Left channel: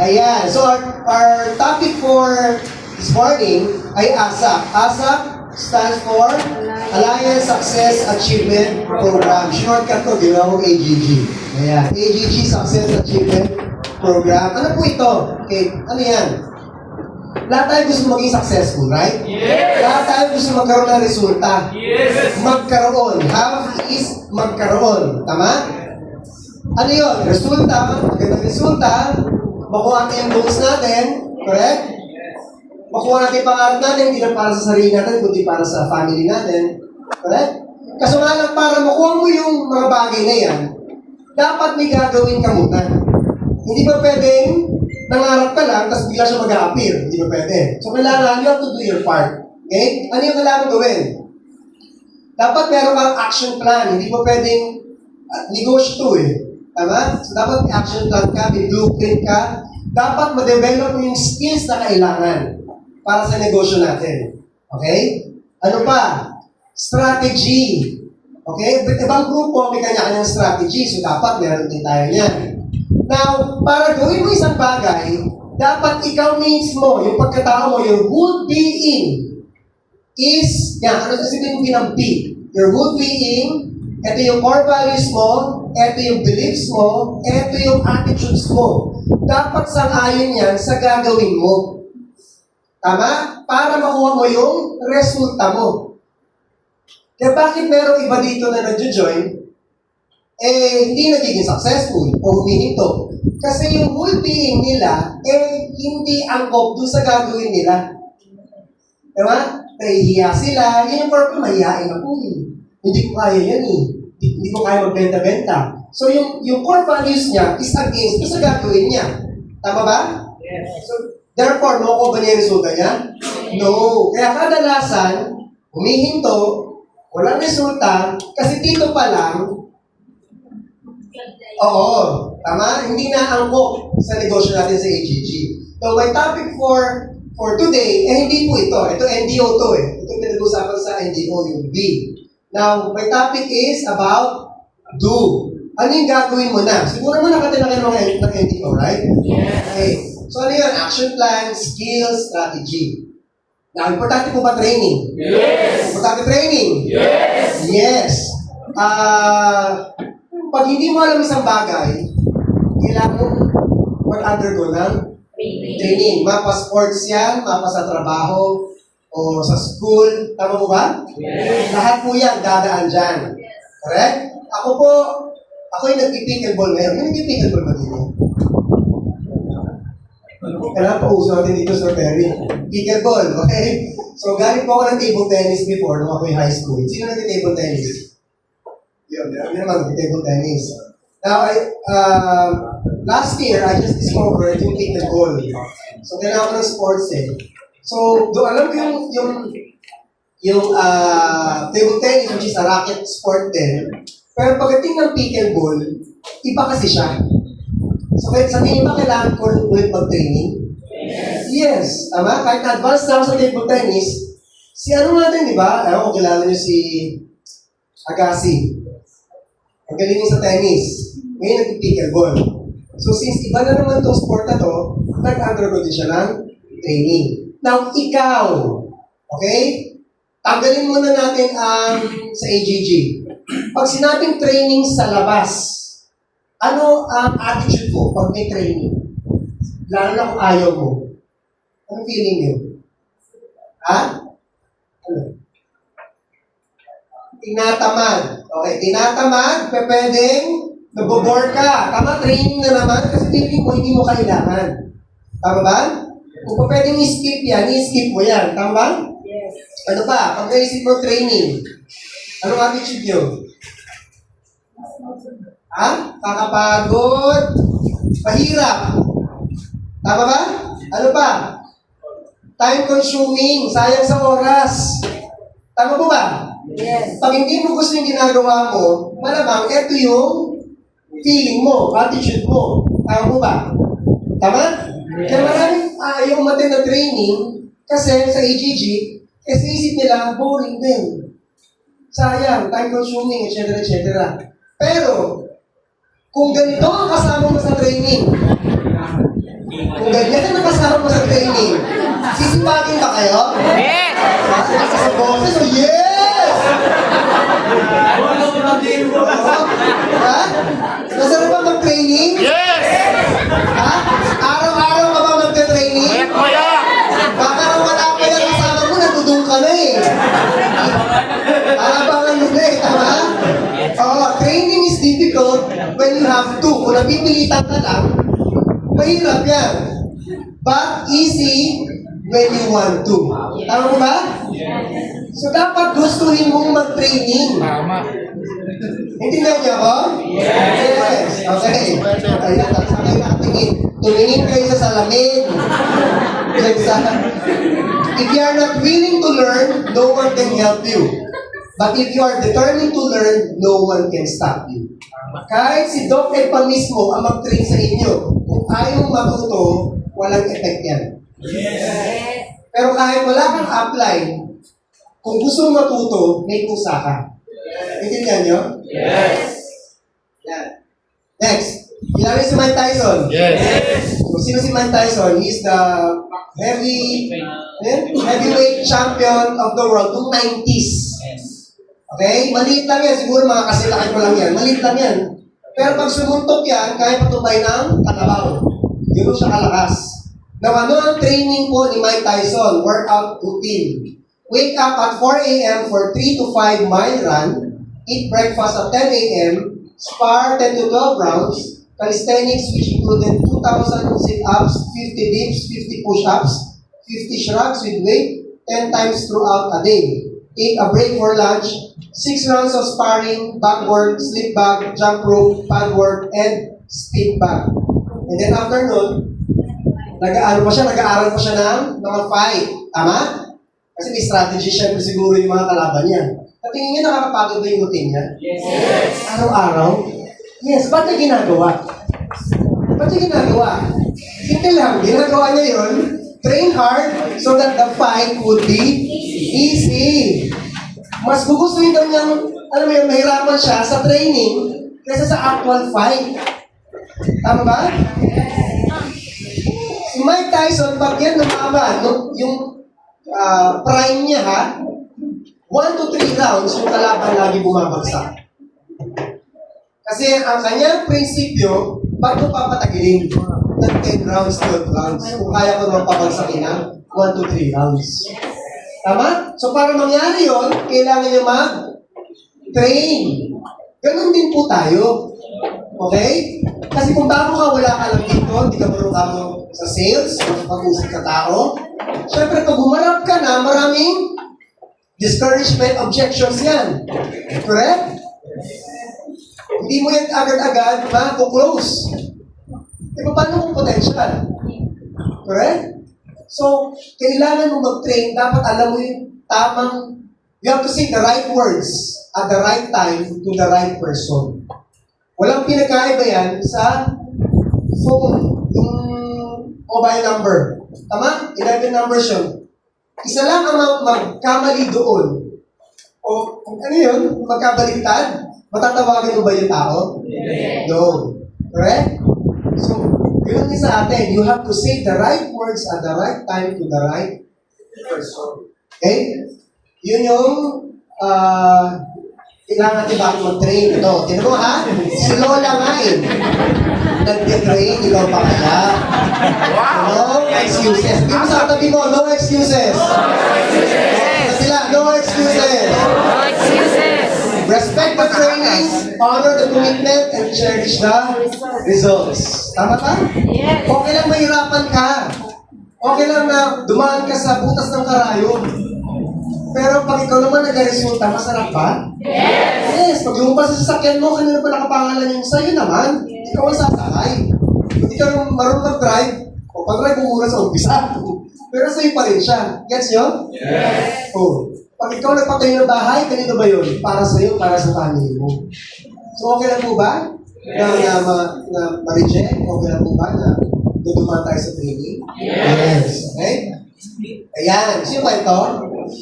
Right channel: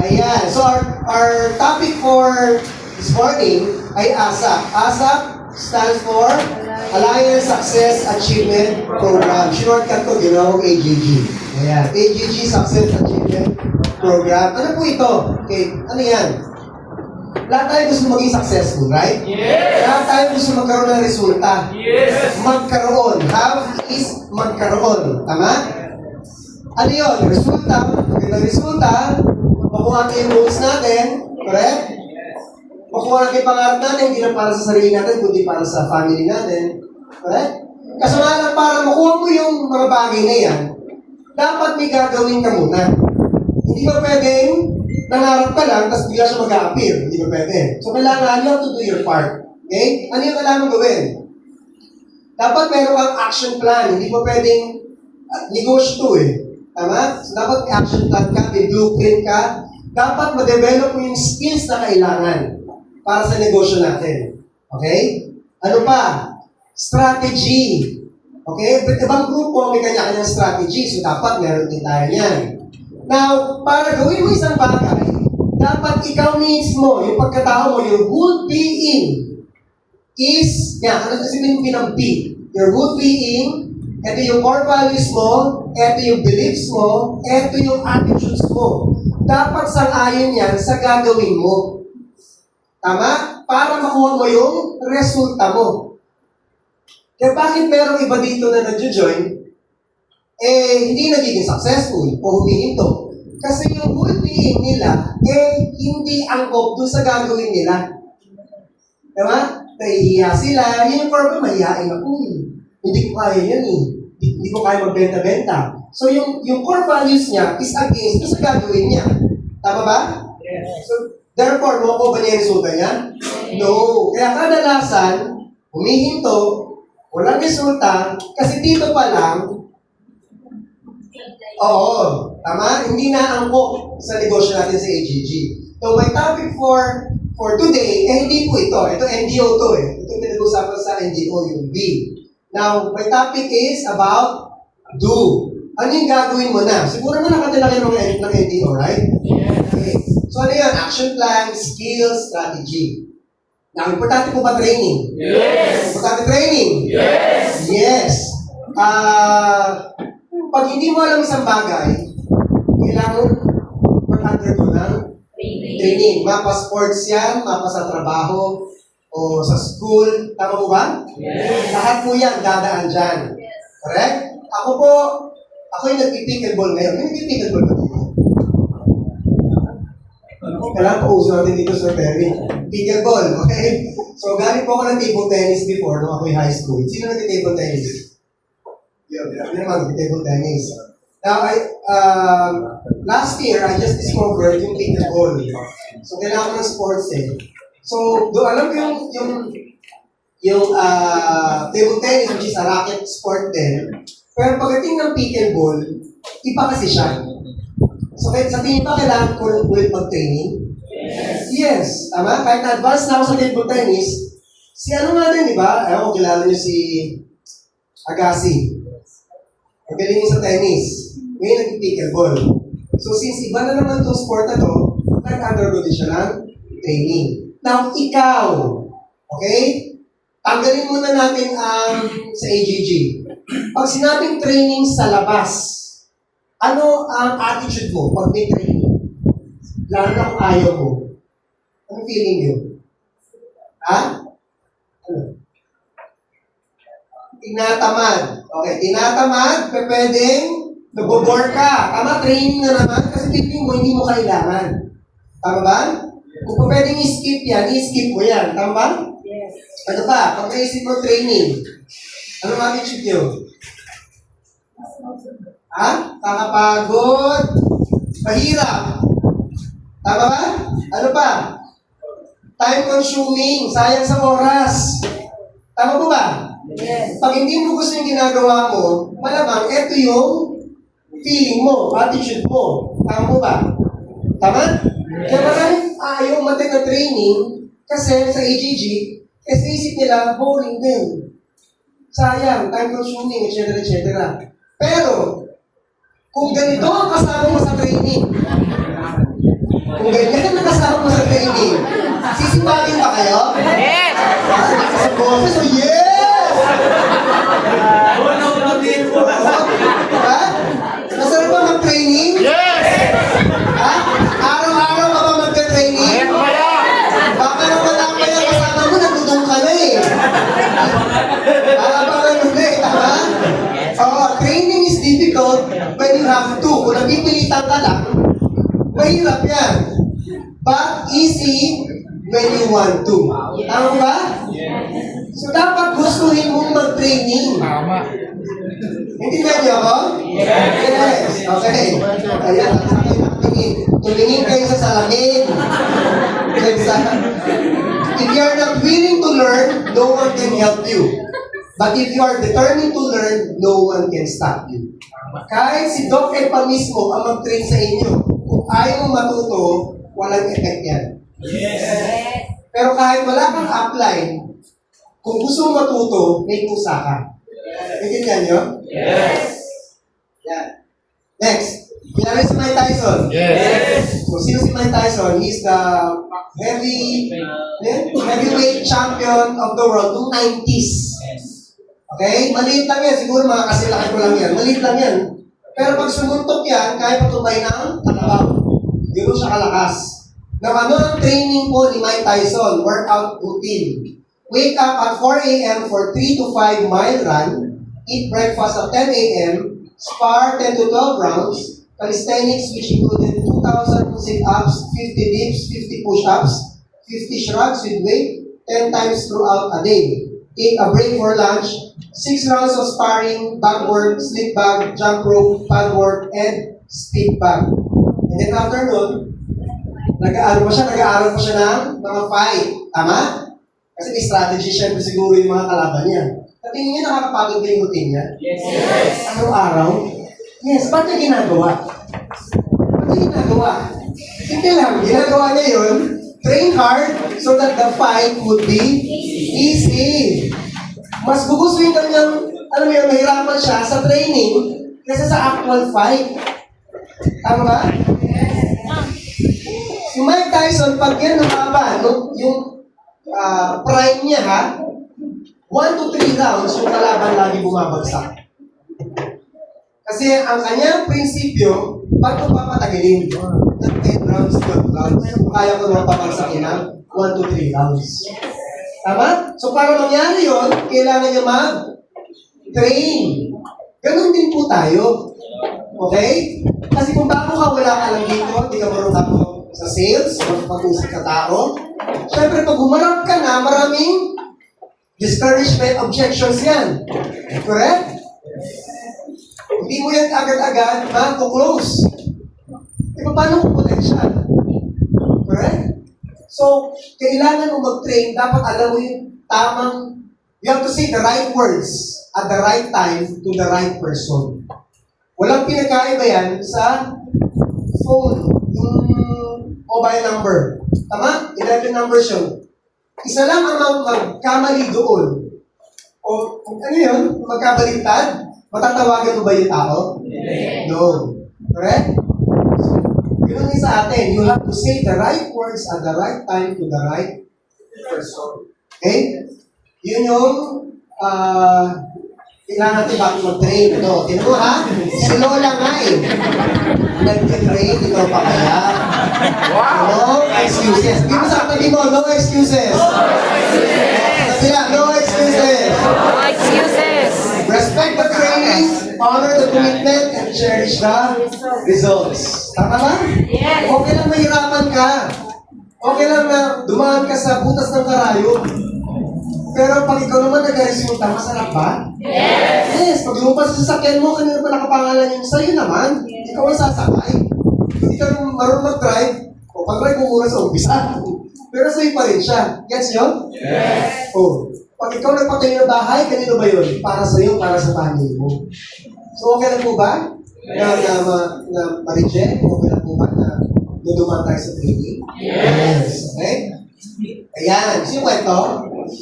Ayan. So our topic for this morning ay ASAP. ASAP stands for Alliance Success Achievement Program. Shortcut ko, ginawang AGG. Ayan. AGG Success Achievement Program. Ano po ito? Okay. Ano yan? Lahat tayo gusto maging successful, right? Yes! Lahat tayo gusto magkaroon ng resulta. Yes! Magkaroon. Have is magkaroon. Tama? Ano yun? Resulta. Magandang resulta. Makuha natin yung goals natin. Correct? Makuha natin yung pangarap natin, hindi lang para sa sarili natin, kundi para sa family natin. Correct? Kaso nga lang, para makuha mo yung mga bagay na yan, dapat may gagawin ka muna. Hindi ba pwedeng nangarap ka lang, tapos bigla siya mag-a-appear? Hindi ba pwede? So kailangan, you have to do your part. Okay? Ano yung kailangan gawin? Dapat meron kang action plan. Hindi ba pwedeng negosyo to eh. Tama? So dapat may action plan ka, may blueprint ka. Dapat ma-develop mo yung skills na kailangan para sa negosyo natin. Okay? Ano pa? Strategy. Okay? Ibang grupo may kanya-kanyang strategy. So dapat meron din tayo yan. Now, para gawin mo isang bagay, dapat ikaw mismo, yung pagkatao mo, your whole being is, yan, ano sasabihin mo ng P? Your whole being, ito yung core values mo, ito yung beliefs mo, ito yung attitudes mo. Dapat sang-ayon yan sa gagawin mo. Tama? Para makuha mo yung resulta mo. Kaya bakit merong iba dito na nag-join, hindi nagiging successful o humihinto? Kasi yung whole being nila, hindi angkop dun sa gagawin nila. Tama? Nahihiya sila, yun yung problem, mahihain ako eh. Hindi ko kaya yan eh. Hindi ko kaya magbenta-benta. So yung core values niya is against sa gagawin niya. Tama ba? Yes. So therefore, makukuha ba niya yung resulta niya? No. Kaya kadalasan, humihinto, walang resulta, kasi dito pa lang, oo, tama? Hindi na angkop sa negosyo natin sa AGG. So my topic for today, hindi po ito. Ito NGO to eh. Ito pinag-usapan sa NGO, yung B. Now, my topic is about do. Ano yung gagawin mo na? Siguro mo nakatila kayo ng NGO, right? Okay. So ano yun? Action plan, skills, strategy. Now, importante po ba training? Yes! Importante training? Yes! Yes. Pag hindi mo alam isang bagay, kailangan mag-undergo ng training. Mapa sports yan, mapa sa trabaho, o sa school. Tama mo ba? Yes! Lahat po yan, dadaan dyan. Correct? Ako yung nag-pickleball ngayon. May nag-pickleball ba dito? Kailangan pa uso natin dito sa Perry. Pickleball, okay? So, galing po ako ng table tennis before nung ako yung high school. Sino nag-table tennis? Yun, hindi naman nag-table tennis. Now, last year, I just discovered yung pickleball. So, kailangan ko ng sports eh. So, alam ko yung table tennis, which is a racket sport din. Pero pagdating ng pickleball, iba kasi siya. So, sa tingin ba kailangan ko ulit mag-training? Yes. Tama? Kahit na-advance na ako sa table tennis, si ano natin, di ba? Ayaw, kilala niyo si Agassi. Ang galing sa tennis. Ngayon nag-pickleball. So, since iba na naman itong sport na to, nag-undergo din siya ng training. Now, ikaw, okay? Tanggalin muna natin sa AGG. Pag sinabing training sa labas, ano ang attitude mo pag may training? Lalo na kung ayaw mo. Anong feeling niyo? Ha? Ano? Tinatamad. Okay, tinatamad, pwedeng nabobore ka. Tama, training na naman kasi training mo, hindi mo kailangan. Tama ba? Kung pwedeng i-skip yan, i-skip mo yan. Tama ba? Yes. Ano pa? Pag naisip mo training, anong attitude nyo? Ha? Kakapagod? Mahirap? Tama ba? Ano pa? Time consuming, sayang sa oras. Tama ba ba? Yes. Pag hindi mo gusto yung ginagawa mo, malamang ito yung feeling mo, attitude mo. Tama mo ba? Tama? Kaya maraming ayaw matin na training kasi sa AGG, kasi isip nila, boring din. Sayang, time consuming, etc. etc. Pero, kung ganito ang kasama mo sa training, Kung ganyan ka nakasama sa training, sisipagin ba kayo? Yes! Sa boses, oh yes! Ha? Masarap ba mag-training? Yes! Ha? Araw-araw ka ba mag-training? Ayak mo lang! Baka nang wala pa yan kasama mo, natutong ka na eh. Abangan mo na eh, tama? Oo, training is difficult when you have to. Kung napipilitan ka lang, mahirap yan. But easy when you want to. Tama ba? So dapat gustuhin mong mag-training. Tama. Intindihan niyo ako? Yes. Okay. Ayan, at saka kayo nakatingin. Tumingin kayo sa salamin. If you are not willing to learn, no one can help you. But if you are determined to learn, no one can stop you. Kahit si Doc Epa mismo ang mag-train sa inyo, kung ayaw mong matuto, walang effect yan. Pero kahit wala kang apply, kung gusto mong matuto, may kusa ka. Intindihan niyo? Yes! Yan. Next. Kilala si Mike Tyson. Yes! Kung sino si Mike Tyson, he's the heavyweight champion of the world noong 90s. Okay? Maliit lang yan. Siguro mga kasilaki ko lang yan. Maliit lang yan. Pero pag sumuntok yan, kaya patubay ng katabaw. Gano'n siya kalakas. Now, ano ang training po ni Mike Tyson? Workout routine. Wake up at 4 a.m. for 3 to 5 mile run. Eat breakfast at 10 a.m. Spar 10 to 12 rounds. Calisthenics, which included 2,000 sit-ups, 50 dips, 50 push-ups, 50 shrugs with weight, 10 times throughout a day. Take a break for lunch. 6 rounds of sparring, back work, slip bag, jump rope, pad work, and stick bag. And then after nun, nag-aaral pa siya ng mga fight. Tama? Kasi may strategy syempre siguro yung mga kalaban niya. Sa tingin niya, nakakapagod ba yung routine niya? Yes! Araw-araw? Yes. Ba't niya ginagawa? Simple lang. Ginagawa niya yun, train hard so that the fight would be easy. Mas gugustuhin daw niyang, alam mo yun, mahirapan siya sa training kaysa sa actual fight. Tama ba? Si Mike Tyson, pag yan lumaban, yung prime niya ha, 1 to 3 rounds, yung kalaban lagi bumabagsak. Kasi ang kanyang prinsipyo, pag mo papatagilin ng 10 rounds, 12 rounds, kung kaya ko naman papagsakin ng 1 to 3 rounds. Tama? So para mangyari yon, kailangan nyo mag-train. Ganun din po tayo. Okay? Kasi kung bago ka, wala ka lang dito, hindi ka marunong ako sa sales, makipag-usap ka tao. Siyempre, pag humarap ka na, maraming discouragement, objections yan. Correct? Hindi mo yan agad-agad ma-close. E paano kung potential? Correct? So, kailangan mo mag-train, dapat alam mo yung tamang, you have to say the right words at the right time to the right person. Walang pinagkaiba yan sa phone, yung mobile number. Tama? 11 numbers yun. Isa lang ang magkamali doon. O, ano yun? Magkabaligtad? Matatawagan mo ba yung tao? No. Correct? So, yun din sa atin. You have to say the right words at the right time to the right person. Okay? Yun yung kailangan natin bakit mag-train. Ito, tinan mo ha? Si Lola nga eh. Nag-train, ikaw pa kaya? No excuses. Di mo sa tabi mo, no excuses. Sila, no excuses. No excuses! Respect the training, honor the commitment, and cherish the results. Tama ba? Yes! Okay lang mahirapan ka. Okay lang na dumaan ka sa butas ng karayom. Pero pag ikaw naman nag-resulta, masarap ba? Yes! Yes, pag lumabas sa sasakyan mo, kanina pa nakapangalan yun sa'yo naman. Ikaw ang sasakay. Hindi ka naman marunong mag-drive. O pag-drive mo muna sa umpisa. Pero sa'yo pa rin siya. Gets yun? Yes! Oh. Pag ikaw nagpatayo ng bahay, ganito ba yun? Para sa'yo, para sa family mo. So okay lang po ba? Na ma-reject? Okay lang po ba na dudumaan tayo sa training? Yes. Okay? Ayan. Sino ba ito?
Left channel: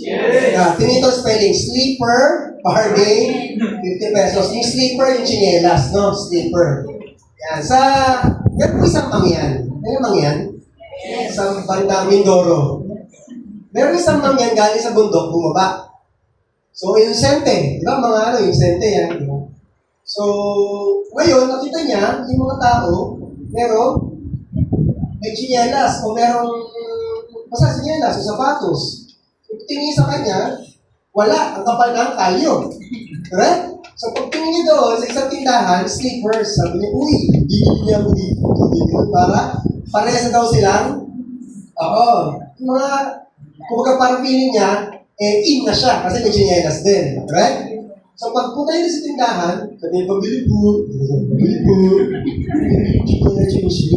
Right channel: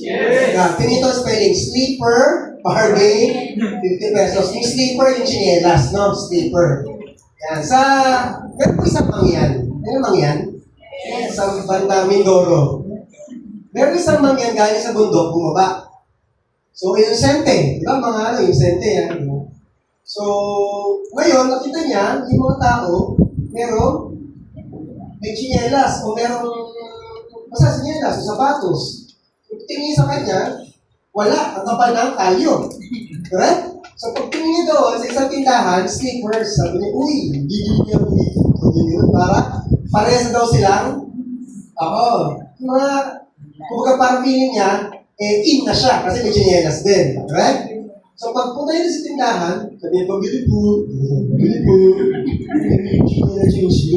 Yeah. Tinito spelling. Sleeper, bargain, 50 pesos. Yung sleeper, yung chinelas, no? Sleeper. Yan. Meron po isang mangyan. Ano mangyan? Sa bandang Mindoro. Meron isang mangyan galing sa bundok, bumaba. So, inosente. Di ba? Mga inosente yan. So, ngayon, nakita niya, yung mga tao, may chinelas o merong basta chinelas o sapatos. Tingin sa kanya, wala. Ang kapal ng kalyo. Correct? So, pag tingin niya doon sa isang tindahan, sneakers, sabi niya, uy, bibili niya ako dito. Para parehas na daw silang, mga, kumbaga parang feeling niya, in na siya kasi may chinelas din. Correct? So, pag punta niya sa tindahan, sabi niya, pabili po. Sige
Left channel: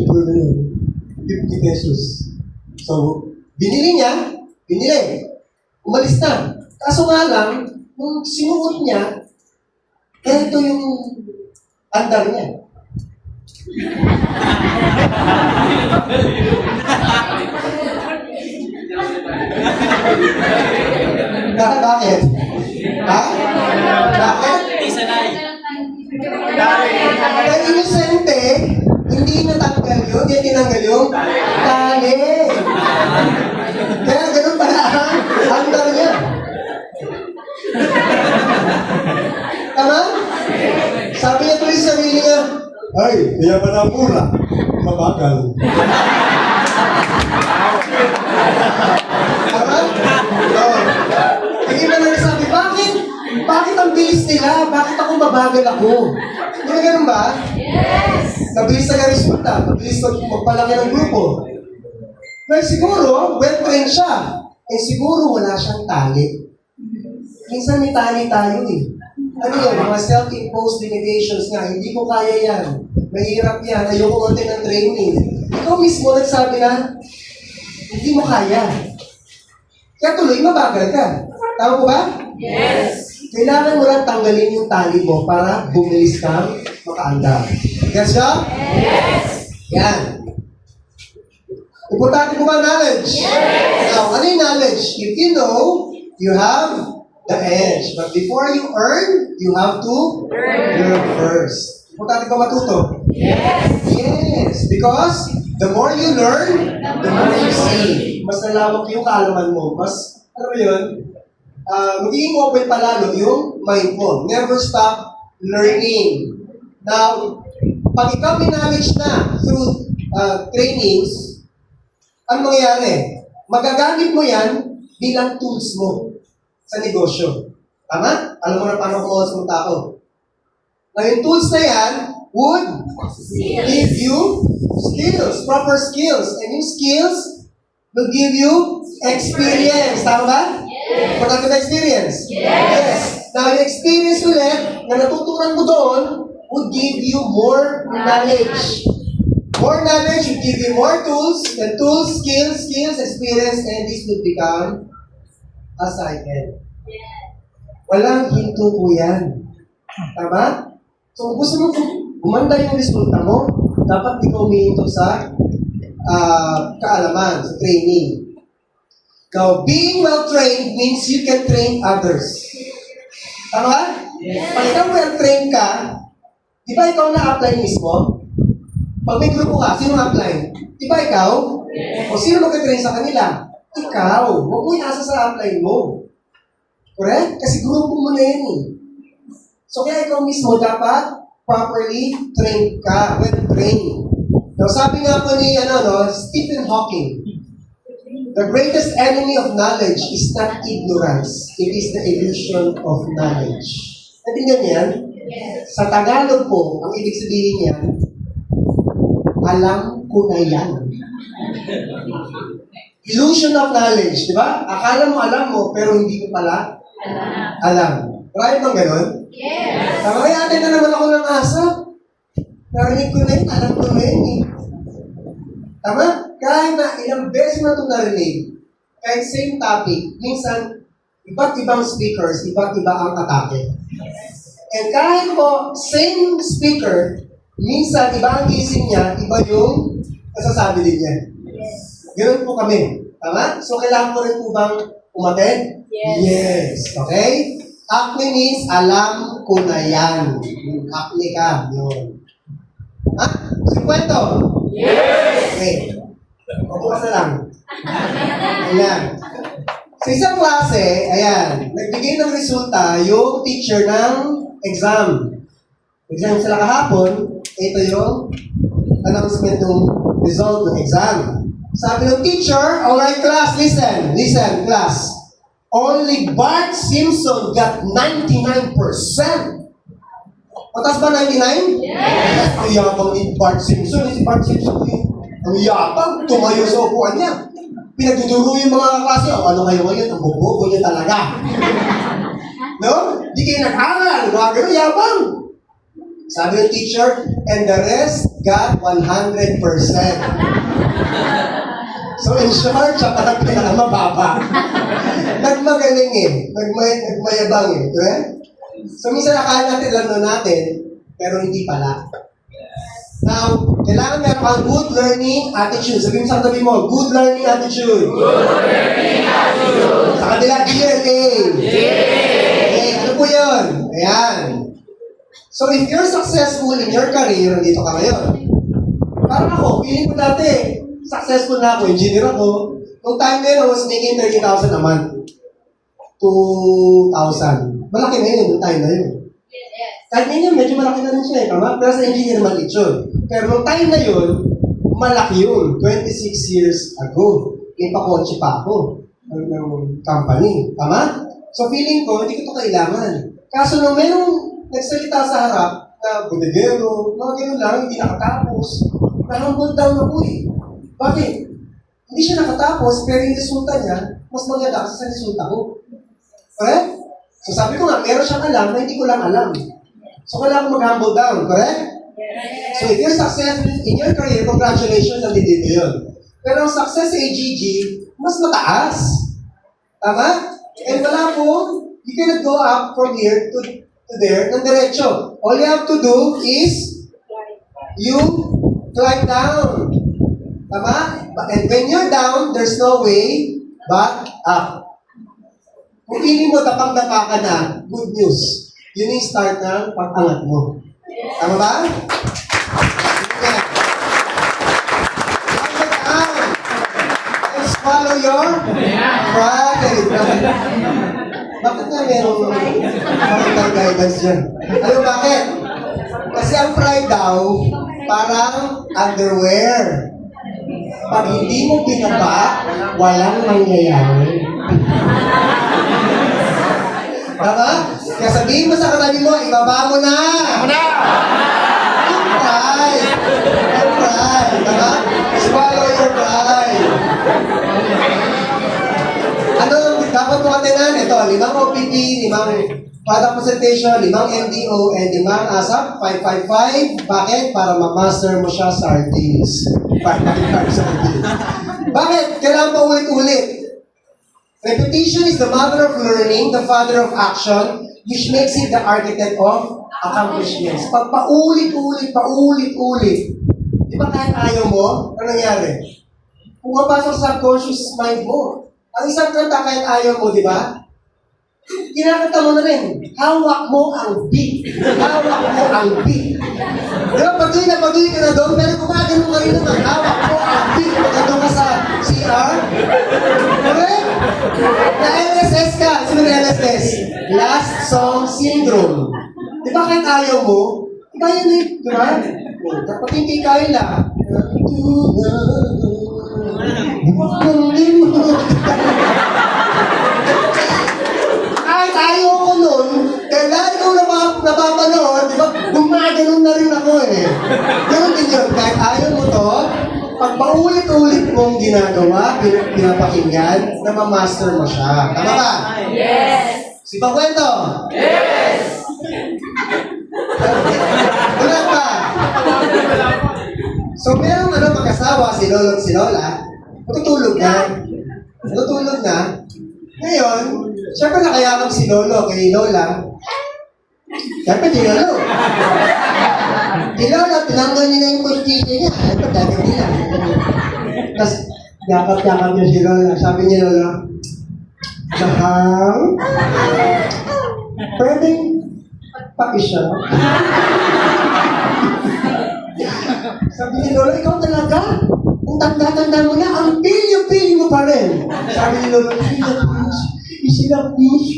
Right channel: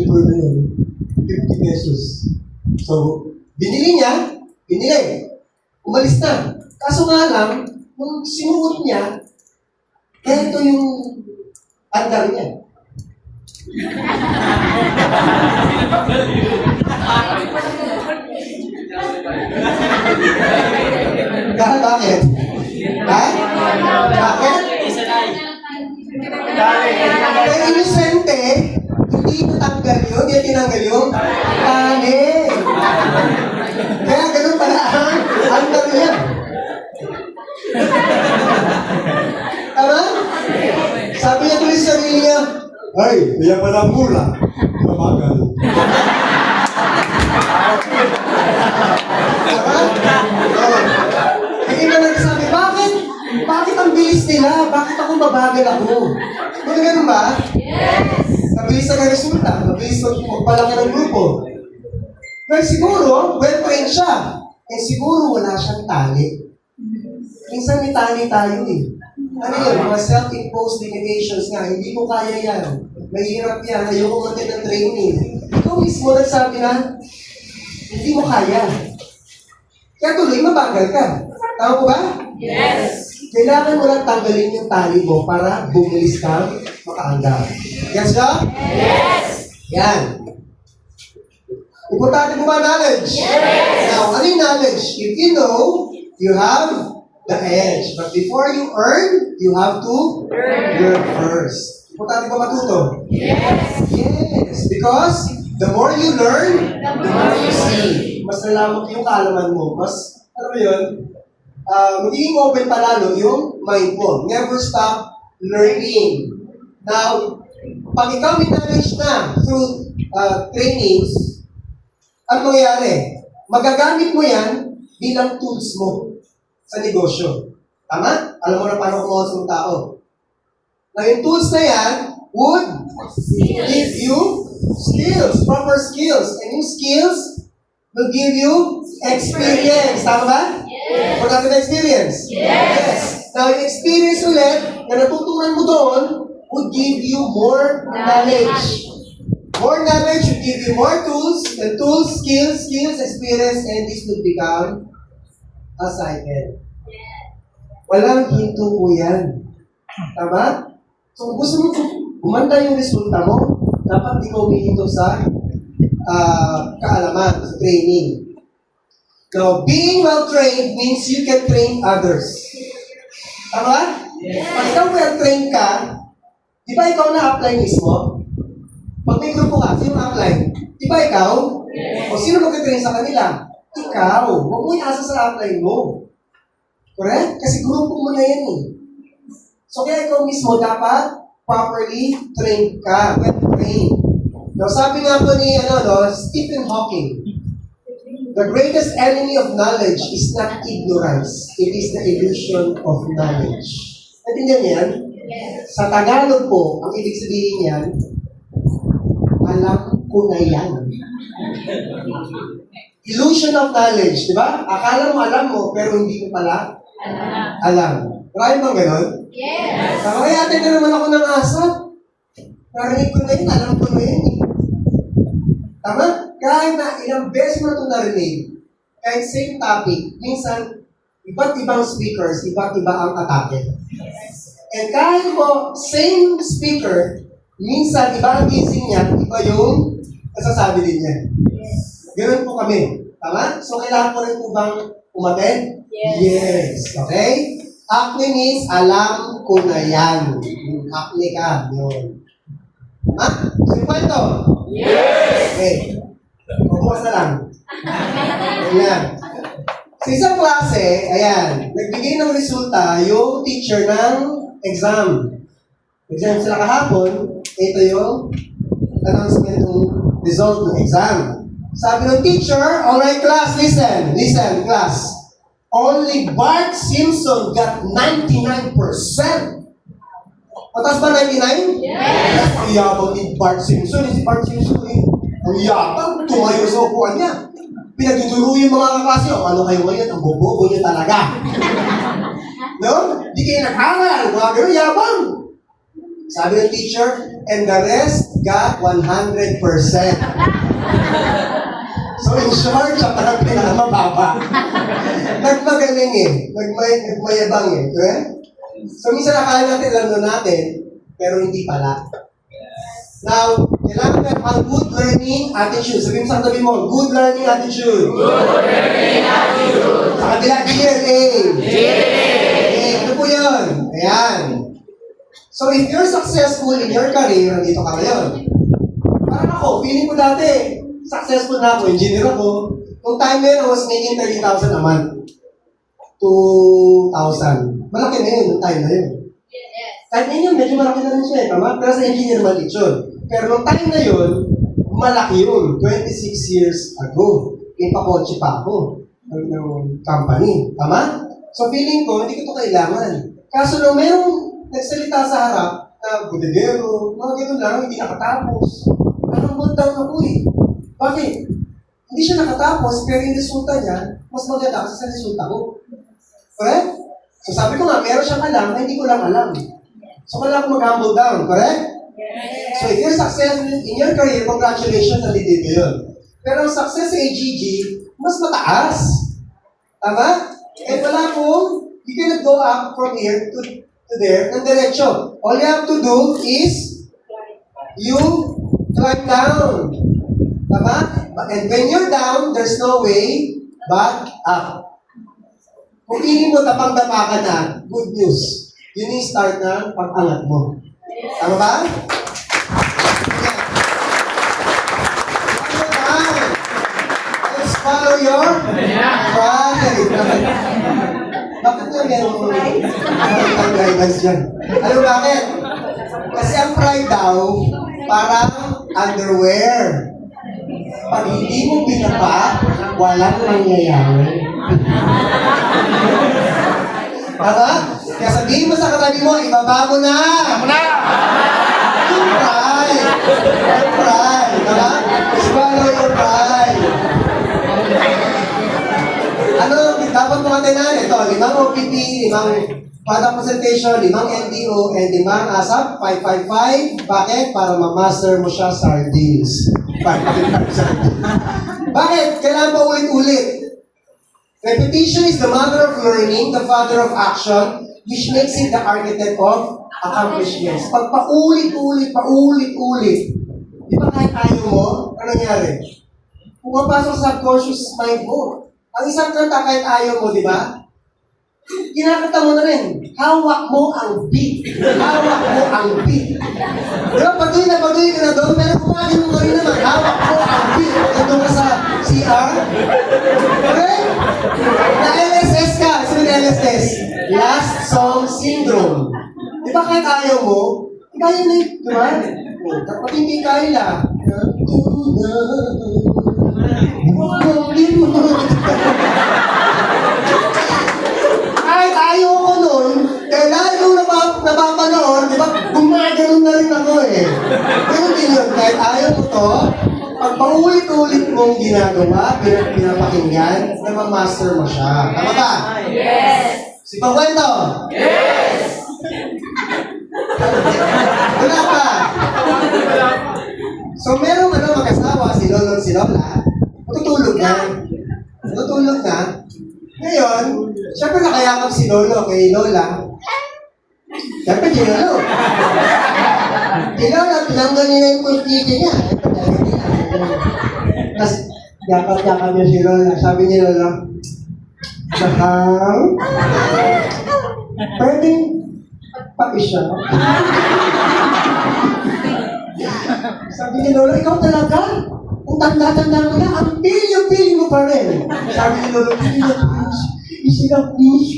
po na yun. 50 pesos. So, binili. Umalis na. Kaso nga lang, nung sinuot niya, ito yung andar niya. Bakit? Bakit? Kaya inosente, hindi natanggal yun, hindi tinanggal yung tali. Kaya ganun pala ang andar niya. Tama? Sabi niya tuloy sa sarili niya, ay, kaya pala mura. Mabagal. Tama? Hindi na nagsasabi, bakit? Bakit ang bilis nila? Bakit ako mabagal ako? Hindi na ganun ba? Yes! Nabilis na resulta. Nabilis na magpalaki ng grupo. Well, siguro, well-trained siya. Siguro wala siyang tali. Minsan may tali tayo eh. Ano yun? Mga self-imposed limitations nga. Hindi ko kaya yan. Mahirap yan. Ayoko konti ng training. Ikaw mismo nagsabi na, hindi mo kaya. Kaya tuloy, mabagal ka. Tama ko ba? Yes. Kailangan mo lang tanggalin yung tali mo para bumilis kang makaandar. Yes ba? Yes. Yan. Importante mo ba knowledge? Yes. Now, ano yung knowledge? If you know, you have the edge. But before you earn, you have to learn first. Importante ba matuto? Yes. Yes. Because the more you learn, the more you see. Mas nalaman yung kaalaman mo. Mas, ano ba yun? Magiging open palalo yung mind mo. Never stop learning. Now, pag ikaw may knowledge na through trainings, ano mangyayari? Magagamit mo yan bilang tools mo sa negosyo. Tama? Alam mo na paano kumawas ng tao. Now, yung tools na yan would give you skills, proper skills. And yung skills will give you experience. Tama ba? Yes. Importante ba experience? Yes. Now, yung experience ulit na natutunan mo doon would give you more knowledge. More knowledge would give you more tools, and tools, skills, experience, and this would become a cycle. Walang hinto po yan. Tama? So, kung gusto mo gumanda yung resulta mo, dapat di ka umihinto sa kaalaman, sa training. Now, being well-trained means you can train others. Tama? Yes. Pag ikaw well-trained ka, di ba ikaw na-apply mismo? Pag may grupo ka, sino ma-apply? Di ba ikaw? Yes. O sino mag-train sa kanila? Ikaw. Huwag mo iasa sa apply mo. Correct? Kasi grupo mo na yan eh. So, kaya ikaw mismo dapat properly trained ka. Well-trained. Now, sabi nga po ni Stephen Hawking, the greatest enemy of knowledge is not ignorance. It is the illusion of knowledge. Natindihan niyan? Yes. Sa Tagalog po, ang ibig sabihin niyan, alam ko na yan. Illusion of knowledge, di ba? Akala mo alam mo, pero hindi mo pala alam. Marami bang ganon? Yes. Kaya atin na naman ako ng asap. Narinig ko na yun, alam ko na yun eh. Tama? Kahit na ilang beses na ito narinig, kahit same topic, minsan, iba't ibang speakers, iba't iba ang atake. And kahit po, same speaker, minsan, iba ang gising niya, iba yung nasasabi din niya. Ganun po kami. Tama? So, kailangan ko rin po bang umaten? Yes. Okay? Acne means, alam ko na yan. Acne ka. Yun. Ha? So, kwento? Yes! Okay. Bukas na lang. Ayan. Sa isang klase, ayan, nagbigay ng resulta yung teacher ng exam. Exam sila kahapon, ito yung announcement ng result ng exam. Sabi ng teacher, alright class, listen, class. Only Bart Simpson got 99%. Patas ba 99? Yes! Ang yabang ni Bart Simpson. Si Bart Simpson ang yabang. Tumayo sa upuan niya. Pinagtuturo yung mga kaklase. Oh, ano kayo ngayon? Ang bobo niya talaga. No? Di kayo nag-aral. Mga ganun, yabang. Sabi ng teacher, and the rest got 100%. So in short, siya parang pinakamababa. Nagmagaling eh. Nagmayabang eh. Okay? So minsan akala natin, alam natin, pero hindi pala. Now, kailangan meron kang good learning attitude. Sabihin mo sa katabi mo, good learning attitude. Good learning attitude. Sa kanila, DNA. DNA. Ano po yun? Ayan. So if you're successful in your career, nandito ka ngayon. Parang ako, feeling ko dati, successful na ako, engineer ako. Nung time na yun, I was making 30,000 a month. 2,000. Malaki na yun, nung time na yun. Kahit ngayon, medyo malaki na rin siya eh, tama? Pero sa engineer, maliit yun. Pero nung time na yun, malaki yun. 26 years ago. May pakotse pa ako ng company. Tama? So feeling ko, hindi ko ito kailangan. Kaso nung mayroong nagsalita sa harap na bodegero, mga ganun lang, hindi nakatapos. Parang hold down ako eh. Bakit? Hindi siya nakatapos, pero yung resulta niya, mas maganda kasi sa resulta ko. Correct? So sabi ko nga, meron siyang alam na hindi ko lang alam. So kailangan ko mag-humble down, correct? So if you're successful in your career, congratulations, nandito yun. Pero ang success sa AGG, mas mataas. Tama? And wala pong, you cannot go up from here to there ng diretso. All you have to do is, you climb down. Tama? And when you're down, there's no way but up. Kung feeling mo tapang-tapa ka na, good news. Yun yung start ng pag-angat mo. Tama ba? Yeah. Let's follow your pride. Bakit nga meron yung guidance dyan? Alam mo bakit? Kasi ang pride daw, parang underwear. Pag hindi mo pinapa, walang mangyayari. Tama? Kaya sabihin mo sa katabi mo, ibaba mo na! Ibaba mo na! Yung pride! Yung pride! Tama? Swallow your pride! Ano, dapat mo katinan? Ito, 5 OPP, 5 product presentation, 5 MDO, and 5 ASAP, 555. Bakit? Para ma-master mo siya sa sardines. 555 sardines. Bakit? Kailangan pa ulit-ulit. Repetition is the mother of learning, the father of action, which makes it the architect of accomplishments. Pag paulit-ulit, di ba kahit ayaw mo, ano nangyari? Pumapasok sa subconscious mind mo. Ang isang kanta kahit ayaw mo, di ba? Kinakanta mo na rin. Hawak mo ang beat. Hawak mo ang beat. Di ba, patuloy ka na doon, pero kumagin mo ka rin naman. Hawak mo ang beat. Pagkatong ka sa CR. Okay? Na-LSS ka. Sino na LSS? Last Song Syndrome. Di ba kahit ayaw mo, kaya na yun, di ba? Kapag hindi kaya lang, kahit ayaw ko nun, kaya lalo kong napapanood, di ba? Gumaganon na rin ako eh. Ganun din yun, kahit ayaw mo to, pag paulit-ulit mong ginagawa, pinapakinggan, na ma-master mo siya. Tama ba? Yes! Si Pangkwento? Yes! Wala pa. So meron mag-asawa, si Lolo at si Lola, matutulog na. Ngayon, siyempre nakayakap si Lolo kay Lola. Siyempre, ginalo. Si Lola, tinanggal niya na yung kurtina niya. Ito, dami nila. Tapos, yakap-yakap niya si Lola. Sabi niya, Lola, Mahal, pwedeng pag-isa. Sabi ni Lola, ikaw talaga? Kung tanda-tanda mo na, ang pilyo-pilyo mo pa rin. Sabi ni Lolo, miss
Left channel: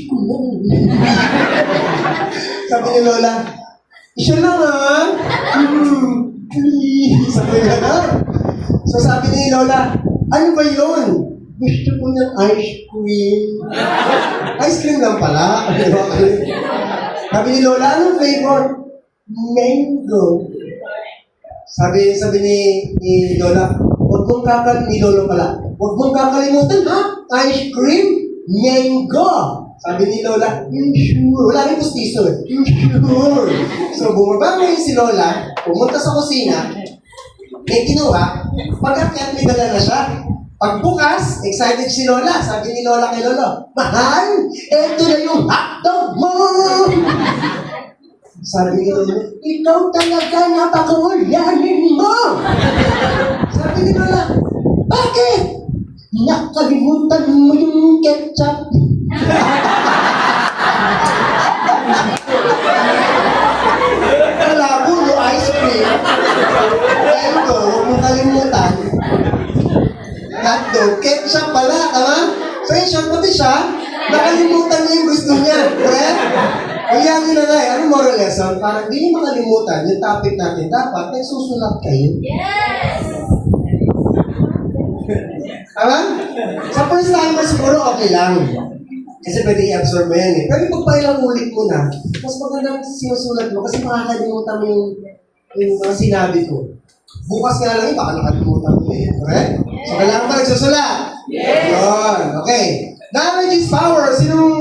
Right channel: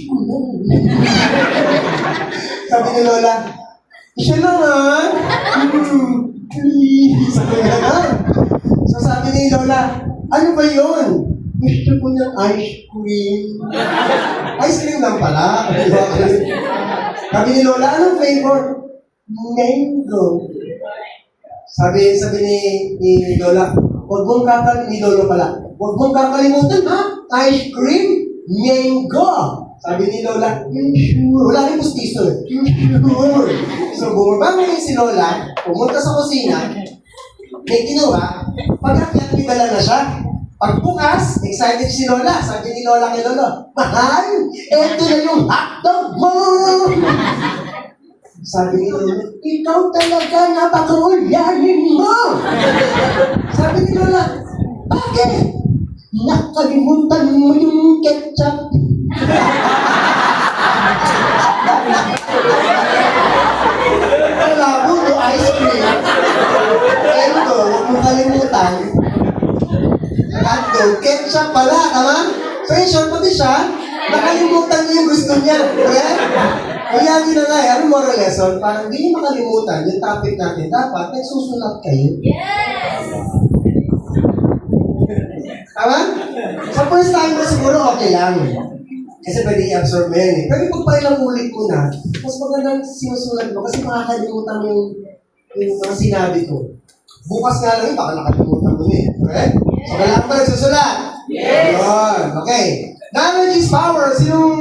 ko lang. Sabi ni Lola, isa lang please. Sabi ni Lola. So sabi ni Lola, ano ba yun? Gusto ko ng ice cream. Ice cream lang pala. Sabi ni Lola, anong flavor? Mango. Sabi ni Lola, huwag mong ni Lolo pala, huwag mong kakalimutan ha? Ice cream, mango. Sabi ni Lola, sure. Wala rin pustiso eh. Sure. So bumaba ngayon si Lola, pumunta sa kusina, may kinuha, pag-akyat pinala na siya. Pagbukas, excited si Lola. Sabi ni Lola kay Lolo, mahal, eto na yung hotdog mo! Sabi ni Lola, ikaw talaga napakaulanin mo! Sabi ni Lola, bakit? Nakalimutan mo yung ketchup. Malabo, no ice cream. Ito, huwag mo kalimutan. Hotdog, ketchup pala, tama? So yun, short pati siya, nakalimutan niya yung gusto niya. Correct? Kaya yun na nga, ano moral lesson? Para hindi niyo makalimutan yung topic natin, dapat nagsusulat kayo. Yes! Tama? Sa first timer siguro okay lang. Kasi pwede i-absorb mo yan eh. Pero pag pailang ulit mo na, mas magandang sinusulat mo kasi makakalimutan mo yung mga sinabi ko. Bukas nga lang baka nakalimutan mo eh. Correct? So kailangan ba nagsusulat? Yes! Yun. Okay. Knowledge is power. Sinong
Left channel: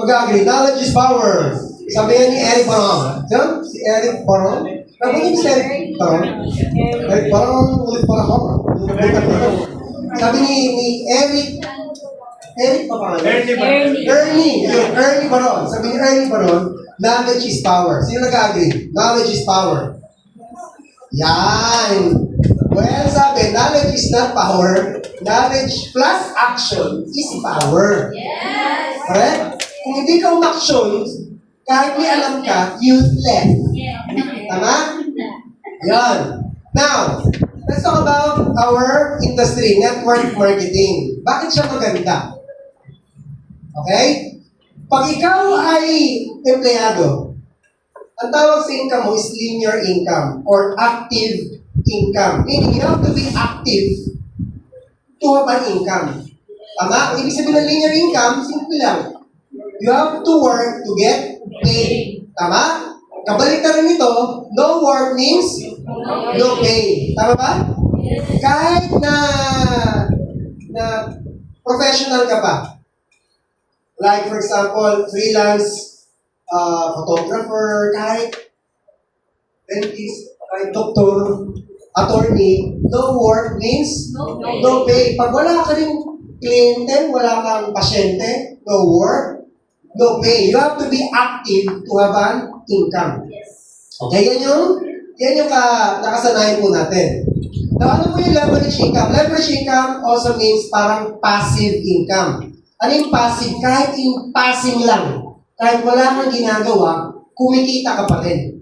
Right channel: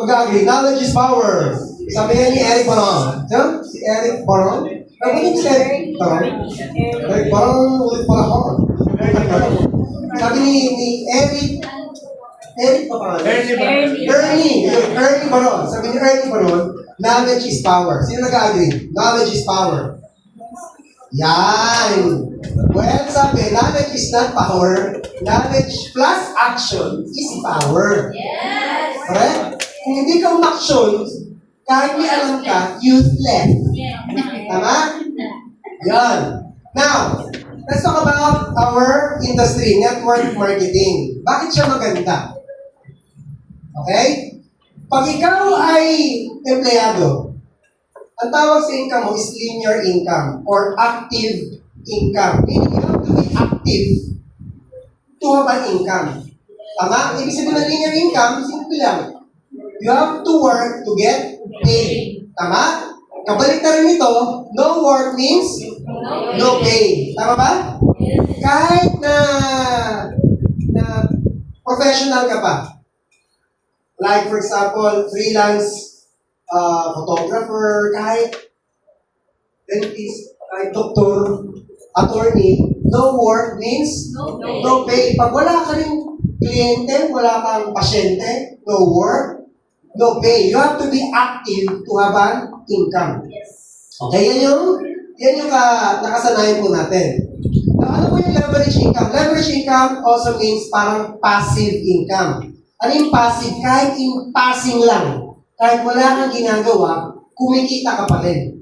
mag-agree? Knowledge is power. Sabi nga ni Eric Baron. Diyan? Si Eric Baron. Nabunin si Eric Baron. Eric Baron ulit para ako. Sabi ni Eric pa pa. Ernie Baron. Sabi ni Ernie Baron, knowledge is power. Sino nag-agree? Knowledge is power. Yan. Well, sabi, knowledge is not power. Knowledge plus action is power. Yes! Correct? Kung hindi ka umaksyon, kahit may alam ka, useless. Tama? Yan. Now, let's talk about our industry, network marketing. Bakit siya maganda? Okay? Pag ikaw ay empleyado, ang tawag sa income mo is linear income or active income. Meaning, you have to be active to have an income. Tama? Ibig sabihin ng linear income, simple lang. You have to work to get paid. Tama? Kabalik na rin ito, no work means no pay. Tama ba? Kahit na professional ka pa. Like for example, freelance photographer, kahit dentist, kahit doctor, attorney, no work means no pay. Pag wala ka rin kliyente, wala kang pasyente, no work, no pay. You have to be active to have an income. Okay, yan yung nakasanayan po natin. Now, ano po yung leverage income? Leverage income also means parang passive income. Ano yung passive? Kahit in passing lang. Kahit wala kang ginagawa, kumikita ka pa rin.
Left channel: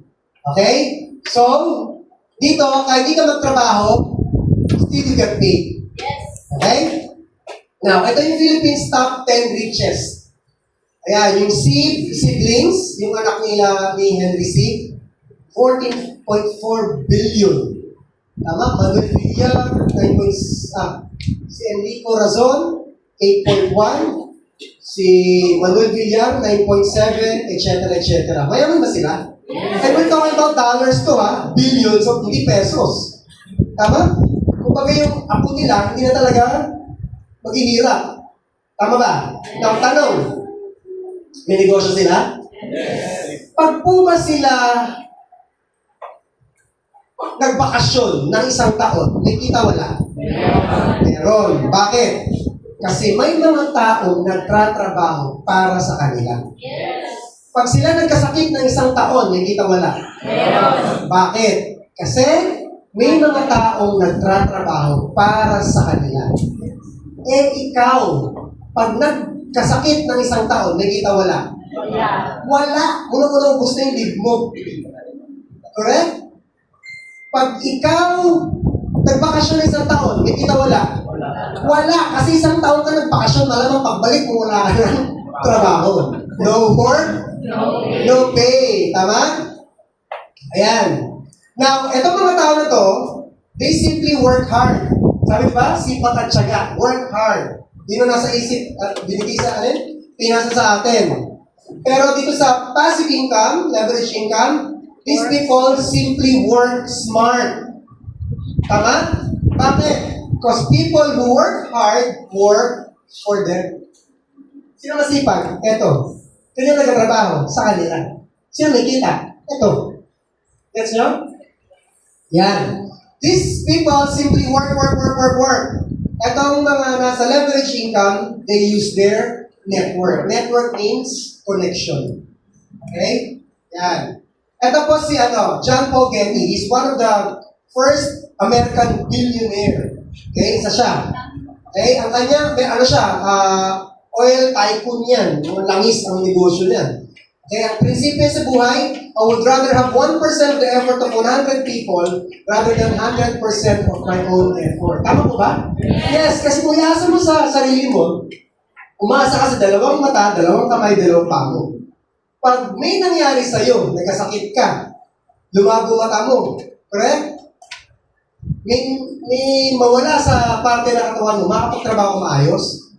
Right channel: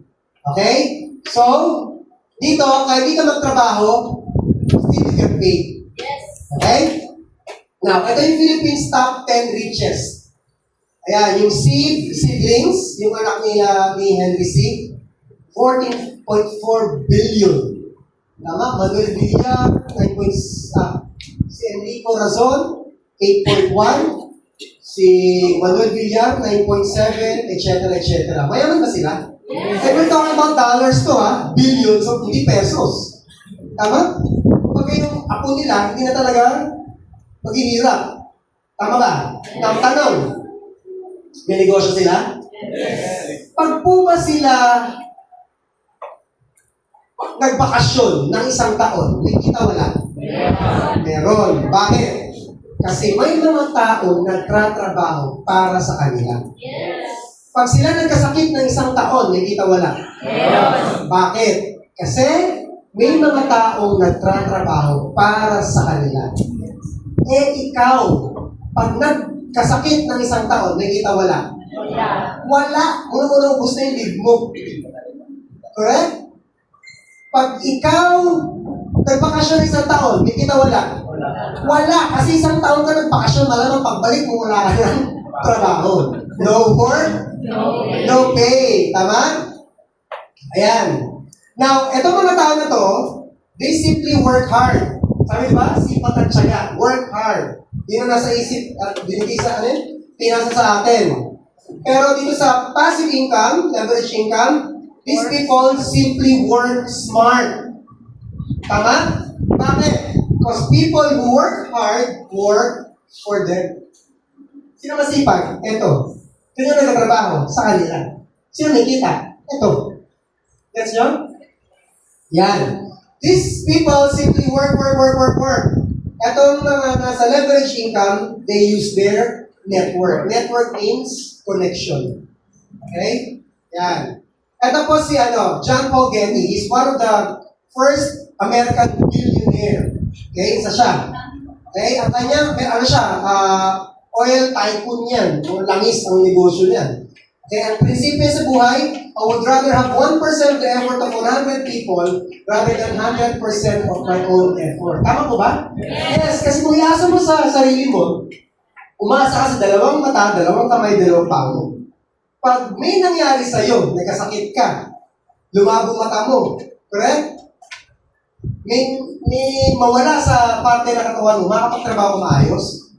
Okay? So, dito, kahit di ka magtrabaho, still get paid. Okay? Now, ito yung Philippines top 10 richest. Ayan, yung siblings, yung anak nila ni Henry C., 14.4 billion. Tama? Manuel Villar, 9. Si Enrico Razon, 8.1. Si Manuel Villar, 9.7, etc. etc. Mayaman ba sila? And we're talking about dollars to billions of hindi pesos. Tama? Kung bagay yung apo nila, hindi na talaga maghihirap. Tama ba? Now, tanong, may negosyo sila? Pag po ba sila nagbakasyon ng isang taon, may kita wala? Meron. Bakit? Kasi may mga taong nagtatrabaho para sa kanila. Pag sila nagkasakit ng isang taon, may kita wala? Bakit? Kasi may mga taong nagtatrabaho para sa kanila. Eh ikaw, pag nagkasakit ng isang taon, may kita wala? Wala. Unang-unang gusto yung leave mo. Correct? Pag ikaw Nagbakasyon ng isang taon, may kita wala? Wala, kasi isang taon ka nagbakasyon, malamang pagbalik mo wala ka ng trabaho. No work, no pay. Tama? Ayan. Now, etong mga tao na to, they simply work hard. Sabi di ba? Sipat at tiyaga. Work hard. Yun ang nasa isip at binigay sa atin, pinasa sa atin. Pero dito sa passive income, leverage income, these people simply work smart. Tama? Bakit? Because people who work hard work for them. Sino masipag? Ito. Sino nagtatrabaho? Sa kanila. Sino nakita? Ito. Gets nyo? Yan. These people simply work. Etong mga nasa leverage income, they use their network. Network means connection. Okay? Yan. Ito po si John Paul Getty. He's one of the first American billionaire. Okay? Isa siya. Okay? Ang kanya, oil tycoon yan. Langis ang negosyo niyan. Okay? Ang prinsipyo sa buhay, I would rather have 1% of the effort of 100 people rather than 100% of my own effort. Tama po ba? Yes, kasi kung iasa mo sa sarili mo, umasa ka sa dalawang mata, dalawang kamay, dalawang pao. Pag may nangyari sa'yo, nagkasakit ka, lumago mata mo, correct? May mawala sa parte ng katawan mo, makapagtrabaho ka maayos?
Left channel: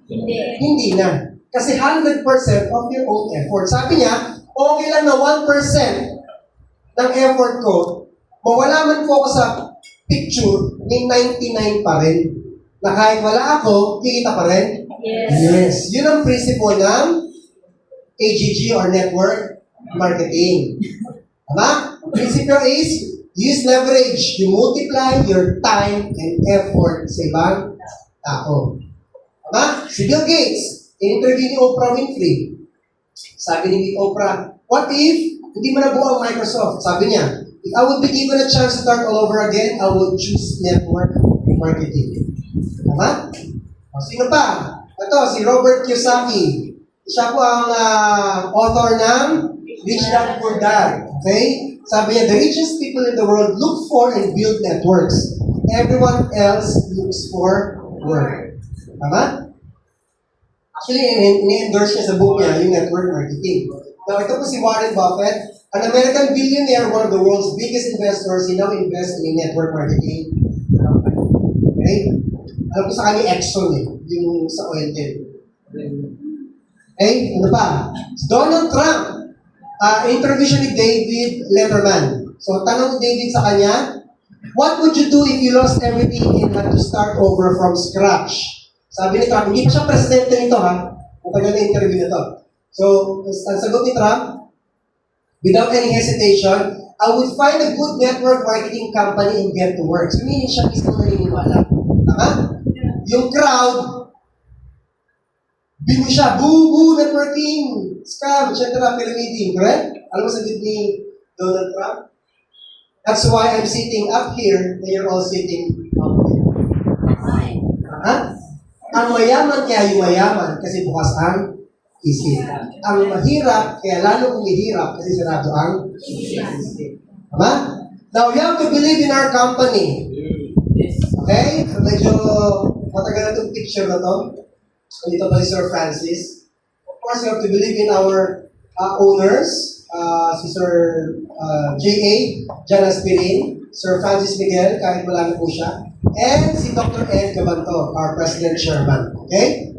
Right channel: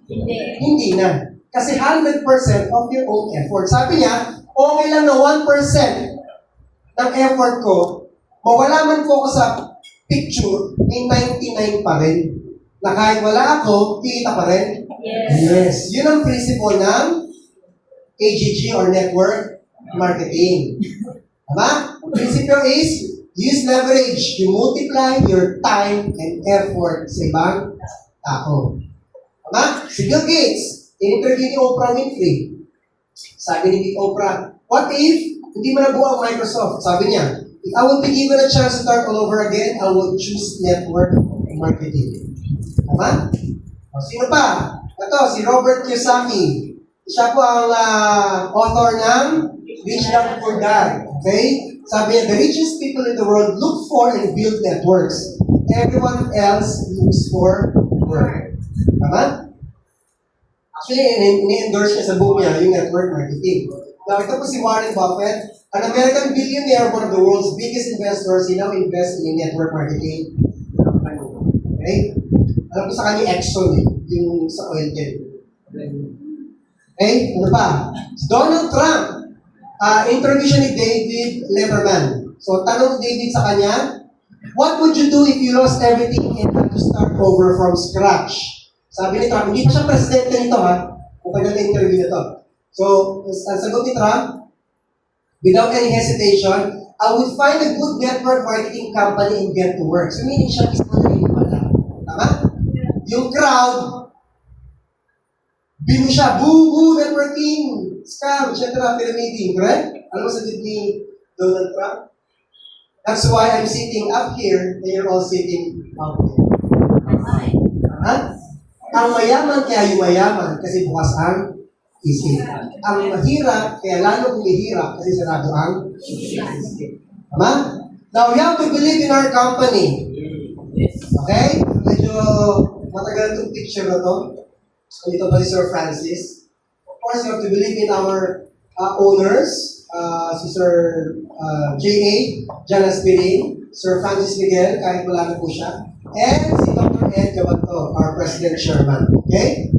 Hindi na. Kasi 100% of your own effort. Sabi niya, okay lang na 1% ng effort ko, mawala man po ako sa picture, may 99 pa rin. Na kahit wala ako, kikita pa rin. Yes. Yun ang principle ng AGG or network marketing. Tama? The principle is, use leverage. You multiply your time and effort sa ibang tao. Tama? Si Bill Gates, in-interview ni Oprah Winfrey. Sabi ni Oprah, what if hindi mo nabuo ang Microsoft? Sabi niya, if I would be given a chance to start all over again, I would choose network marketing. Tama? O, sino pa? Ito, si Robert Kiyosaki. Siya po ang author ng Rich Dad Poor Dad. Okay? Sabi niya, the richest people in the world look for and build networks. Everyone else looks for work. Tama? Actually, ini-endorse niya sa book niya yung network marketing. Now, ito po si Warren Buffett, an American billionaire, one of the world's biggest investors. He now invests in network marketing company. Okay? Alam ko sa kanya Exxon yung sa oil field. Okay? Ano pa? Si Donald Trump, interview siya ni David Letterman. So, tanong ni David sa kanya, what would you do if you lost everything and had to start over from scratch? Sabi ni Trump, hindi pa siya presidente nito kung kanya na interview na to. So, ang sagot ni Trump, without any hesitation, I would find a good network marketing company and get to work. So, meaning siya mismo naniniwala. Tama? Yung crowd, binu siya, boo, networking, scam, etc., pyramiding, correct? Alam mo sagot ni Donald Trump? That's why I'm sitting up here and you're all sitting up there. Tama? Ang mayaman kaya yumayaman kasi bukas ang isip. Ang mahirap kaya lalo humihirap kasi sarado ang isip. Tama? Now, we have to believe in our company. Okay? So, medyo matagal na itong picture na to. So, dito pa si Sir Francis. Of course, you have to believe in our owners. Si Sir J.A. Jan Aspirin, Sir Francis Miguel, kahit wala na po siya. And si Dr. Ed Gabanto, our President Chairman. Okay?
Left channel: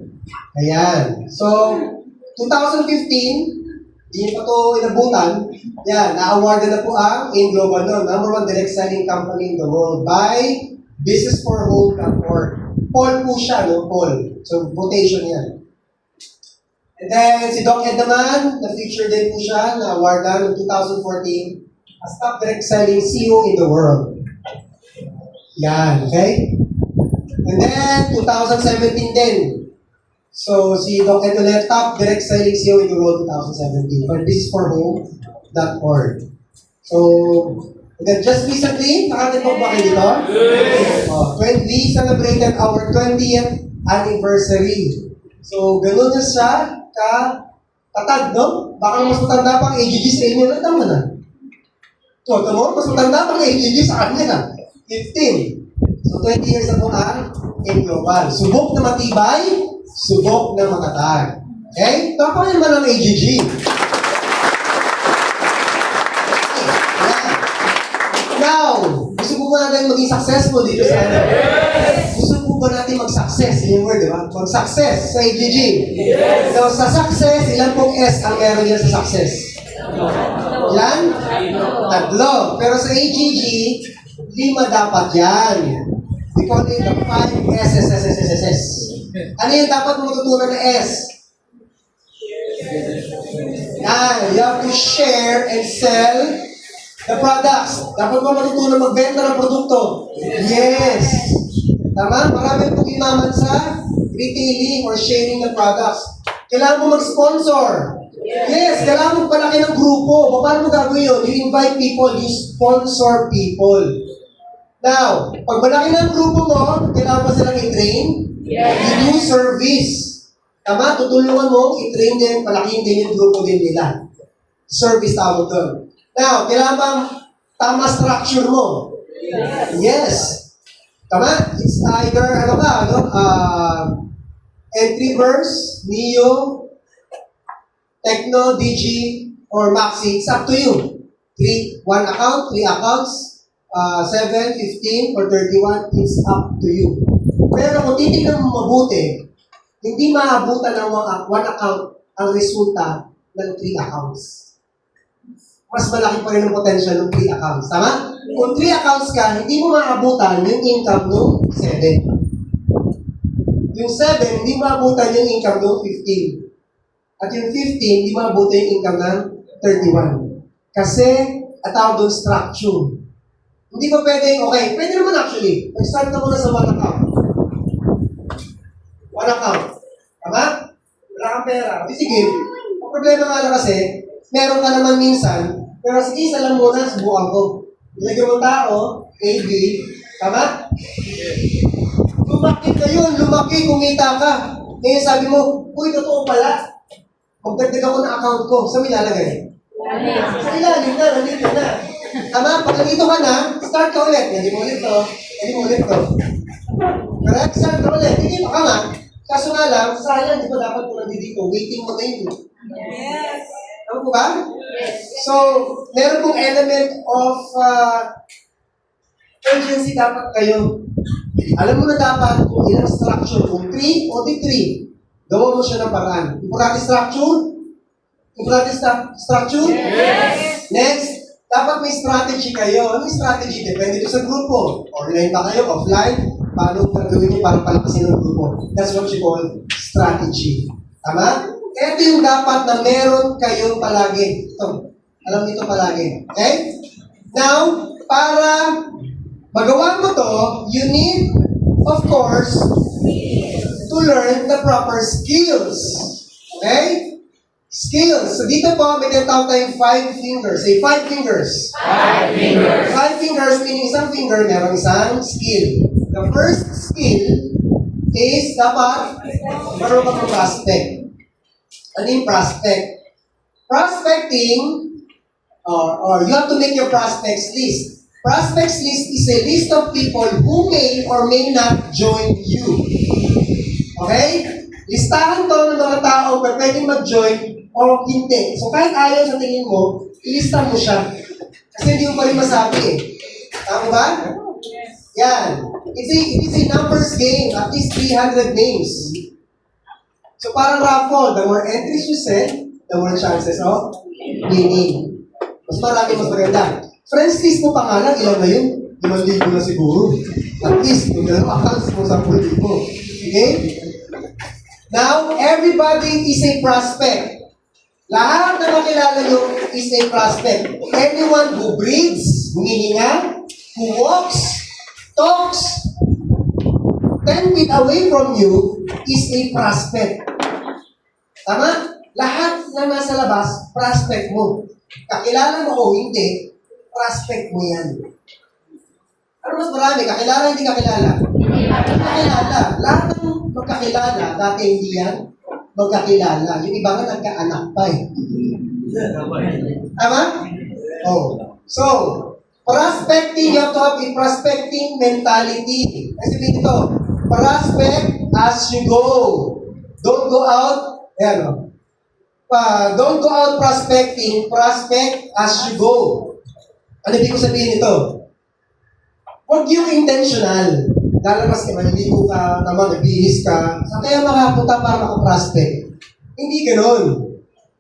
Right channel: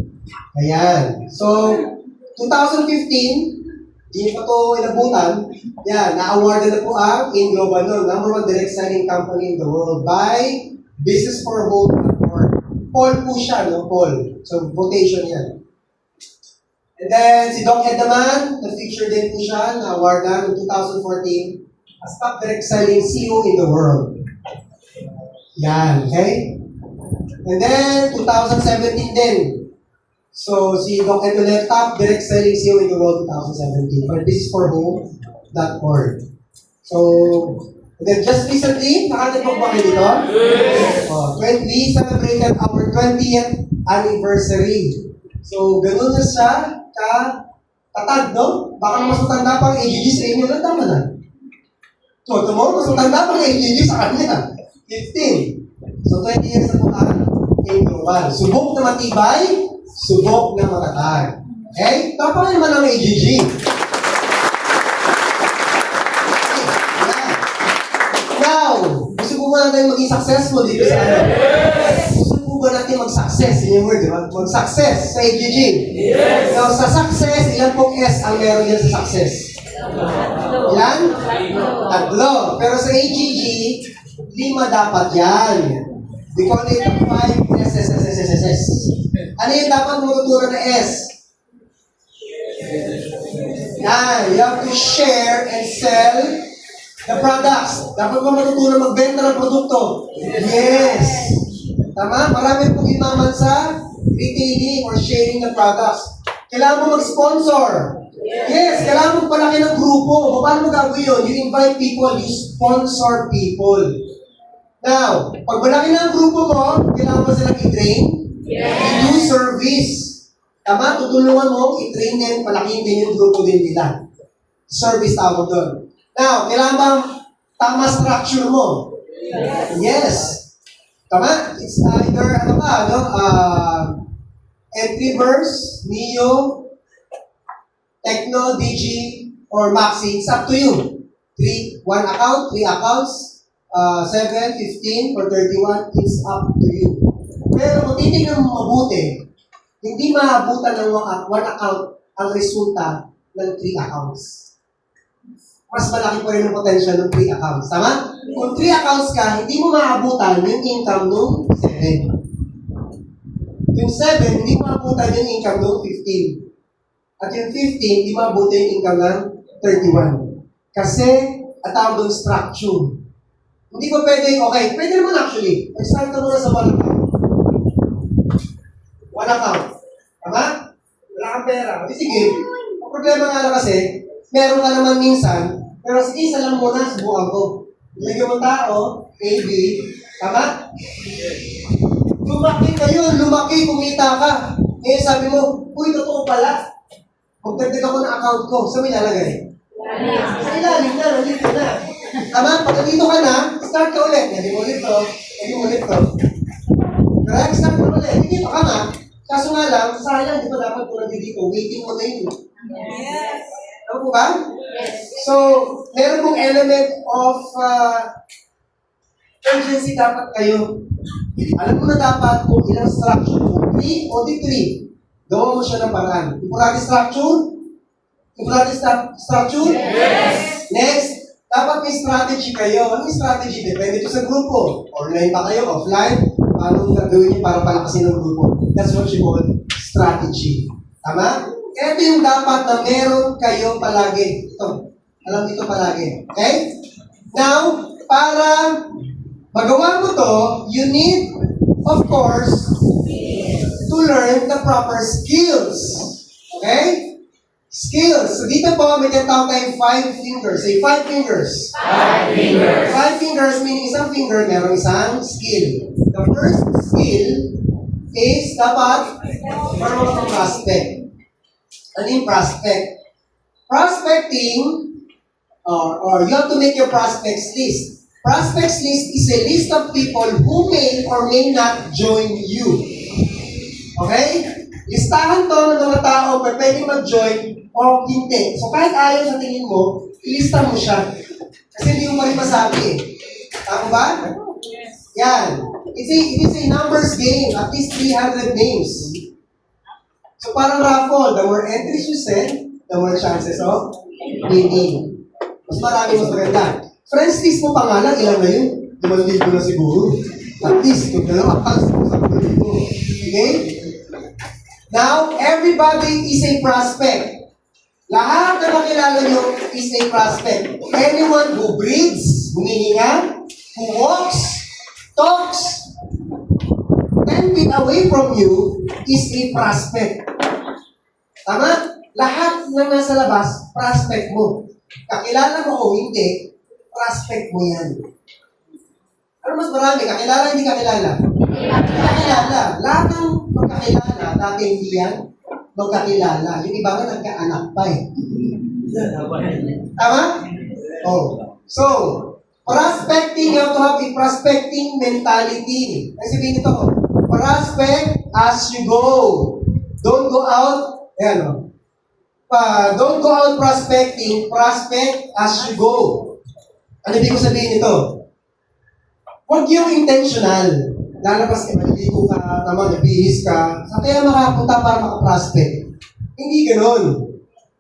Ayan. So, 2015, di pa ito inabutan. Yan, na-awardan na po ang InGlobal noon, #1 direct selling company in the world by businessforhome.org. Paul po siya, no? Paul. So, quotation yan. And then, si Doc Ed naman, na-feature din po siya, na-awardan noong 2014 as top direct selling CEO in the world. Yan, okay? And then, 2017 din. So, si Doc Ed ulit, top direct selling CEO in the world 2017 for businessforhome.org. So, and then just recently, nakatipok ba kayo dito? Yes! We celebrated our 20th anniversary. So, ganun na siya tatag, no? Baka mas matanda pa ang AGG sa inyo. Ilan taon na? So, ito mo, mas matanda pa ang AGG sa kanya. 15. So, So 20 years na po ang in global. Subok na matibay, subok na matatag. Okay? Tapos naman ang AGG. Yan. Now, gusto po ba natin maging successful dito sa ano? Gusto po ba natin mag-success? Yun yung word, di ba? Mag-success sa AGG. So, sa success, ilan pong S ang meron yan sa success? Ilan? Tatlo. Pero sa AGG, 5 dapat yan. We call it the 5 SSSSSS. Ano yung dapat matutunan na S? Yan. You have to share and sell the products. Dapat mo matutunan magbenta ng produkto. Yes. Tama? Marami pong imaman sa retailing or sharing the products. Kailangan mo mag-sponsor. Yes, kailangan mo palaki ng grupo. Paano mo gagawin yun? You invite people, you sponsor people. Now, pag malaki na ang grupo mo, kailangan mo silang i-train. You do service. Tama? Tutulungan mo, i-train din, palakihin din yung grupo din nila. Service tawag doon. Now, kailangan bang tama structure mo? Yes. Tama? It's either, entry verse, Neo, Techno, Digi, or Maxi. It's up to you. 1 account, 3 accounts, 7, 15, or 31. It's up to you. Pero kung titignan mo mabuti, hindi maabutan ng 1 account ang resulta ng 3 accounts. Mas malaki pa rin ang potential ng 3 accounts. Tama? Kung 3 accounts ka, hindi mo maabutan yung income ng 7. Yung 7, hindi maabutan yung income ng 15. At yung 15, hindi maabutan yung income ng 31. Kasi, at tawag doon structure. Hindi pa pwede, okay, pwede naman actually. Mag-start ka muna sa 1 account. 1 account. Tama? Wala kang pera. Sige, ang problema nga lang kasi, meron ka naman minsan, pero sige, isa lang muna, subukan ko. Ilagyan mo tao, A, B, tama? Lumaki kayo, lumaki, kumita ka. Ngayon sabi mo, uy, totoo pala. Magdagdag ako ng account ko. Saan mo ilalagay? Sa ilalim na, nandito na. Tama? Pag nandito ka na, start ka ulit. Hindi mo ulit to. Hindi mo ulit to. Correct? Start ka ulit. Hindi ka na. Kaso nga lang, sayang, di ba dapat kung nandito? Waiting mo na yun. Yes. Ano po ba? Yes. So, meron pong element of urgency dapat kayo. Alam mo na dapat kung ilang structure, kung 3 o di 3. Gawa mo siya ng paraan. Importante structure? Importante structure? Yes. Next, dapat may strategy kayo. Ano yung strategy? Depende ito sa grupo. Online ba kayo? Offline? Paano gagawin niyo para palakasin ng grupo? That's what you call strategy. Tama? Ito yung dapat na meron kayo palagi. Ito. Alam dito palagi. Okay? Now, para magawa mo to, you need, of course, to learn the proper skills. Okay? Skills. So dito po, may tinatawag tayong 5 fingers. Say 5 fingers. 5 fingers. 5 fingers meaning isang finger, meron isang skill. The first skill is dapat marunong ka prospect. Ano yung prospect? Prospecting, or you have to make your prospects list. Prospects list is a list of people who may or may not join you. Okay? Listahan to ng mga tao na pwedeng mag-join o hindi. So kahit ayaw sa tingin mo, ilista mo siya. Kasi hindi mo pa rin masabi eh. Tama ba? Yan. It is a numbers game. At least 300 names. So parang raffle. The more entries you send, the more chances of winning. Mas marami, mas maganda. Friends list mo pangalan, ilan na yun? 5,000 na siguro. At least, kung dalawang accounts, kung 10,000. Okay? Now, everybody is a prospect. Lahat na makilala nyo is a prospect. Anyone who breathes, humihinga, who walks, talks, 10 feet away from you is a prospect. Tama? Lahat na nasa labas, prospect mo. Kakilala mo o hindi, prospect mo yan. Ano mas marami? Kakilala, hindi kakilala? Kakilala. Lahat ng magkakilala, dati hindi yan, magkakilala. Yung iba nga nagkaanak pa eh. Tama? Oh. So, Prospecting, you have to have a prospecting mentality. Kasi sabihin ito, prospect as you go. Don't go out, don't go out prospecting, prospect as you go. Ano ibig ko sabihin ito? Huwag yung intentional. Lalabas ka, maliligo ka, nagbihis ka, saan kaya makapunta para makaprospect? Hindi ganun.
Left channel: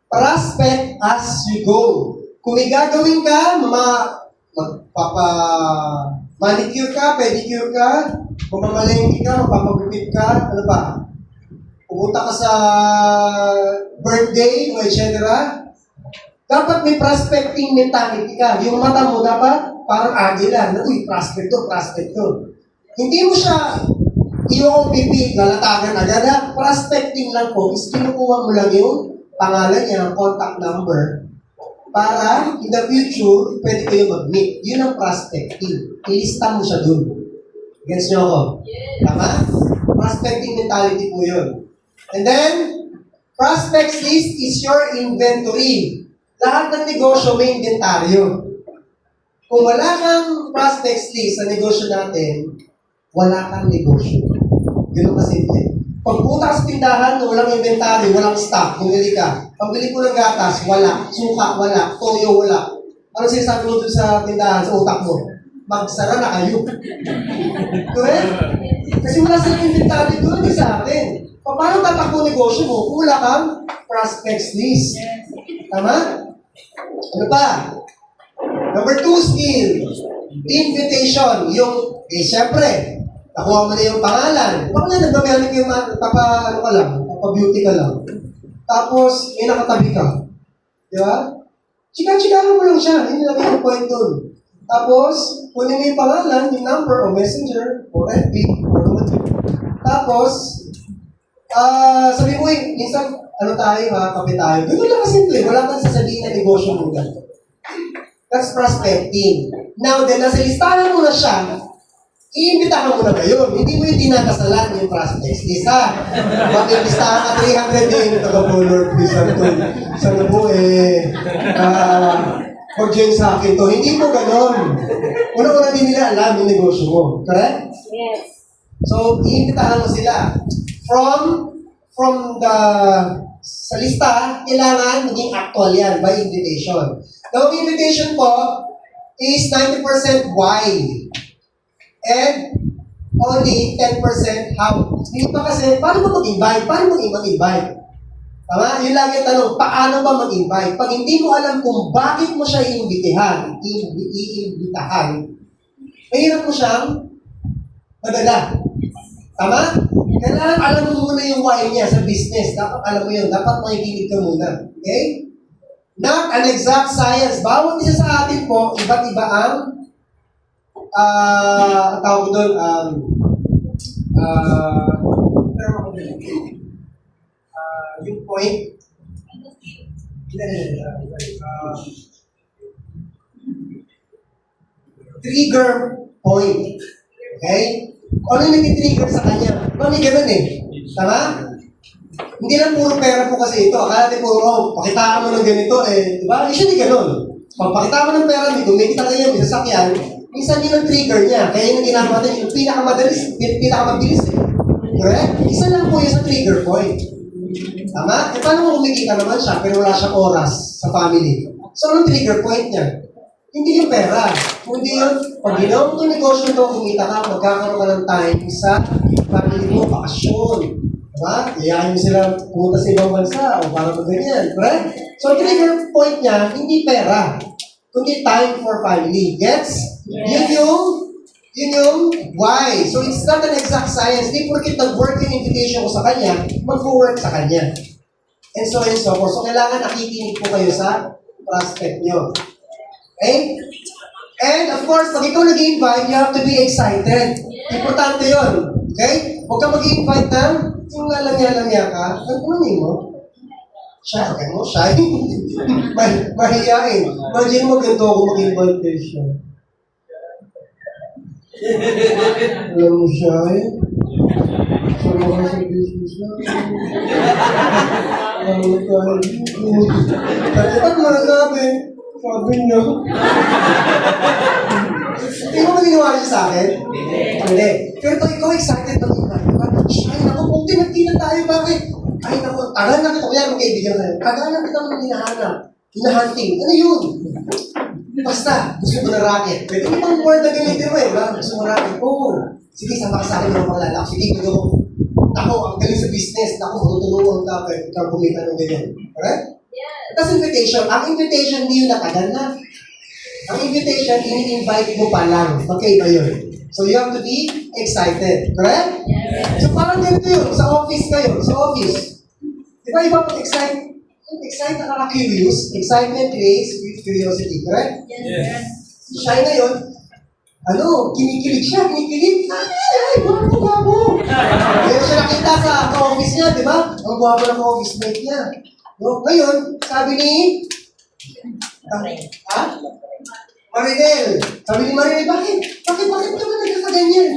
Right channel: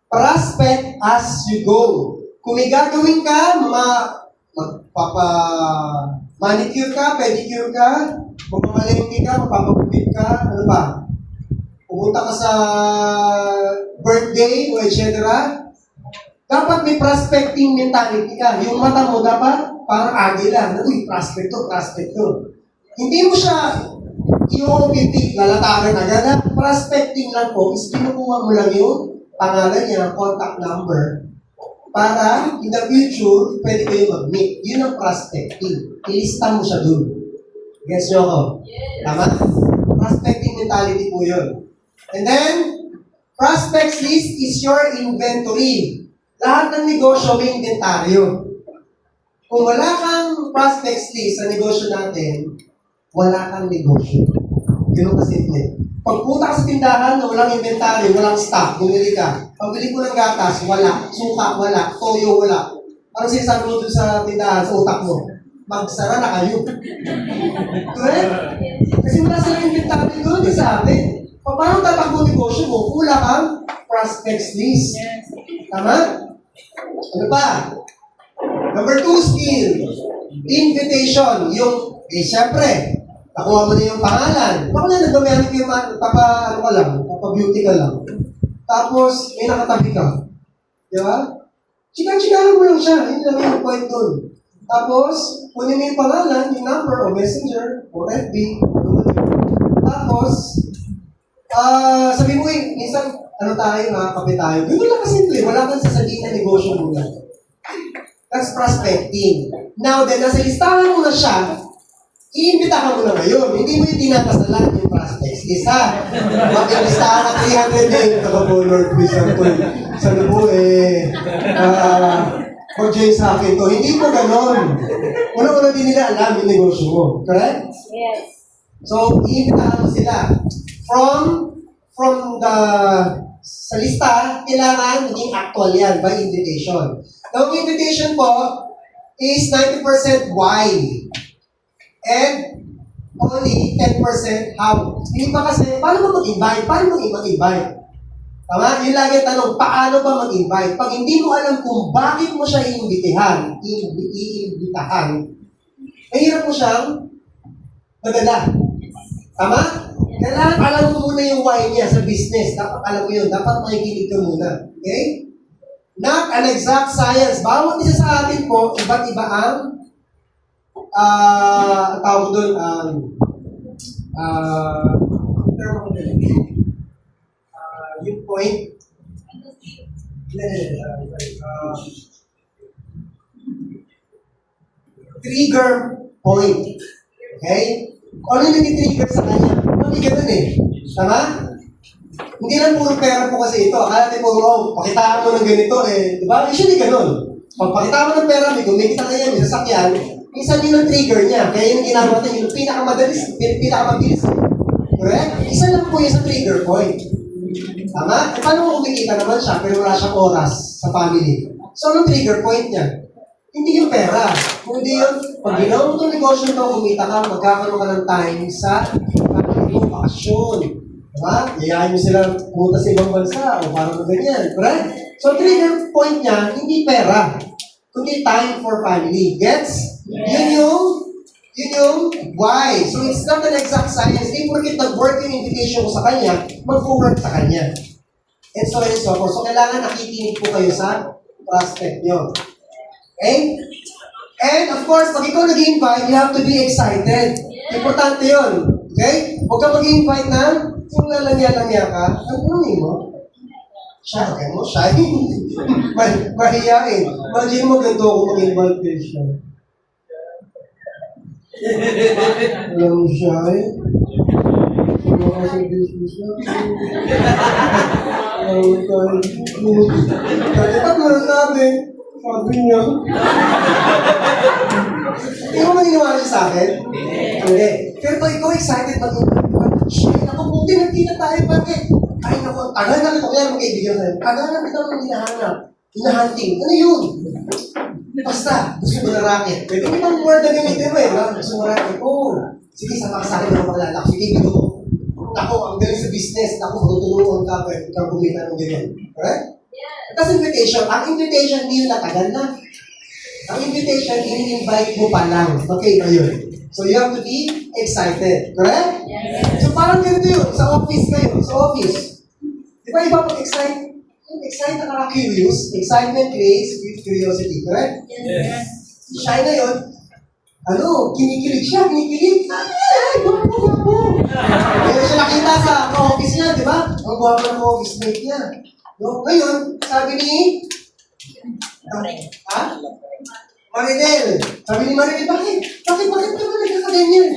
Prospect as you go. Kung may gagawin ka, manicure ka, pedicure ka, mamamalengke ka, mapapagupit ka, ano ba? Pumunta ka sa birthday, etc. Dapat may prospecting mentality ka. Yung mata mo dapat parang agila. Uy, prospect to. Hindi mo siya i-OPP, lalatagan agad. Prospecting lang po is kinukuha mo lang yung pangalan niya, contact number, para in the future, pwede kayo mag-meet. Yun ang prospecting. Ilista mo siya dun. Gets nyo ako? Tama? Prospecting mentality po yun. And then, prospects list is your inventory. Lahat ng negosyo may inventaryo. Kung wala kang prospects list sa negosyo natin, wala kang negosyo. Ganun kasimple. Pagpunta ka sa tindahan na walang inventory, walang stock, bumili ka. Pambili ko ng gatas, wala. Suka, wala. Toyo, wala. Ano sinasabi mo dun sa tindahan, sa utak mo? Magsara na kayo. Correct? Kasi wala silang inventory doon, di sa atin. Paano tatakbo negosyo mo? Wala kang prospects list. Tama? Ano pa? Number 2 skill. Invitation. Yung, syempre, nakuha mo na yung pangalan. Baka na nagmamanik yung beauty ka lang. Tapos, may nakatabi ka. Di ba? Chika-chikahan mo lang siya. Yun lang yung point dun. Tapos, kunin mo yung pangalan, yung number, o messenger, o FB, o naman. Tapos, sabi mo minsan, kape tayo. Ganun lang kasimple. Wala kang sasabihin na negosyo muna. That's prospecting. Now, then, nasa listahan mo na siya, iimbitahan mo na ngayon. Hindi mo yung dinakasalan yung prospects. Isa, pag yung listahan ka 300 din, Lord, please, sana po mag-join sa akin to. Hindi mo ganon. Una-una din nila alam yung negosyo mo. Correct? Yes. So, iimbitahan mo sila. From the sa lista, kailangan maging actual yan by invitation. Now, ang invitation po is 90% why and only 10% how. Hindi pa kasi, paano ba mag-invite? Paano mag-invite? Tama? Yung lagi ang tanong, paano ba mag-invite? Pag hindi mo alam kung bakit mo siya iimbitahan, mahirap mo siyang madala. Tama? Kailangan alam mo muna yung why niya sa business. Dapat alam mo yun. Dapat makikinig ka muna. Okay? Not an exact science. Bawat isa sa atin po, iba't iba ang tawag doon, yung point. Trigger point. Okay? Ano yung nag-trigger sa kanya? Mami, ganun Tama? Hindi lang puro pera po kasi ito. Akala natin puro, pakitaan mo ng ganito di ba? Usually ganun. Pag pakita mo ng pera, may gumikita na yan, may sasakyan, minsan yun ang trigger niya. Kaya yung ginagawa natin, yung pinakamabilis. Correct? Isa lang po yung sa trigger point. Tama? Paano mo kumikita naman siya, pero wala siyang oras sa family? So, anong trigger point niya? Hindi yung pera. Kundi yung, pag ginawa mo itong negosyo ito, kumita ka, magkakaroon ka ng time sa family mo, bakasyon. Diba? Yayain mo sila pumunta sa ibang bansa o parang ganyan. Right? So, trigger point niya, hindi pera. Kundi time for family. Gets? Yun yung why. So, it's not an exact science. Hindi porkit nag-work yung invitation ko sa kanya, mag-work sa kanya. And so forth. So, kailangan nakikinig po kayo sa prospect nyo. Okay? And of course, pag ikaw nag-invite, you have to be excited. Importante yun. Okay? Huwag ka mag-invite na yung lalangya-langya ka. Ano mo? Shy. Ano? Shy? Mahiyain. Imagine mo ganito kung mag-invite siya. Alam mo shy? Sama ka sa business na. Alam mo ka. Dapat mo na sabi. Sabi niya. Hindi mo maniniwala siya sa akin? Hindi. Pero pag ikaw excited pa rin, ay naku, buti nagkita tayo, bakit? Ay naku, tagal na kita, kaya magkaibigan kayo. Tagal na kita ng hinahanap. Hinahunting. Ano yun? Basta, gusto mo na racket. Pwede mo bang word na gamitin mo eh, ba? Gusto mo racket? Oo. Sige, sama ka sa akin ng mga lalak. Sige, gusto mo. Ako, ang galing sa business. Ako, matutulungan ka pa. Ikaw kumita ng ganyan. Correct? Tapos invitation. Ang invitation, hindi yung natagal na. Ang invitation, ini-invite mo pa lang. Okay ba yun? So you have to be excited. Correct? So parang ganito yun. Sa office kayo. Sa office. Di ba iba pag excite? Excite na curious. Excitement creates curiosity. Correct? Si Shai na yun, kinikilig siya, kinikilig. Ay, guwapo. Kaya siya nakita sa ka-office niya, di ba? Ang guwapo ng office mate niya. No? Ngayon, sabi ni... Marinel. Sabi ni Marinel, bakit? Bakit ba nagkakaganyan?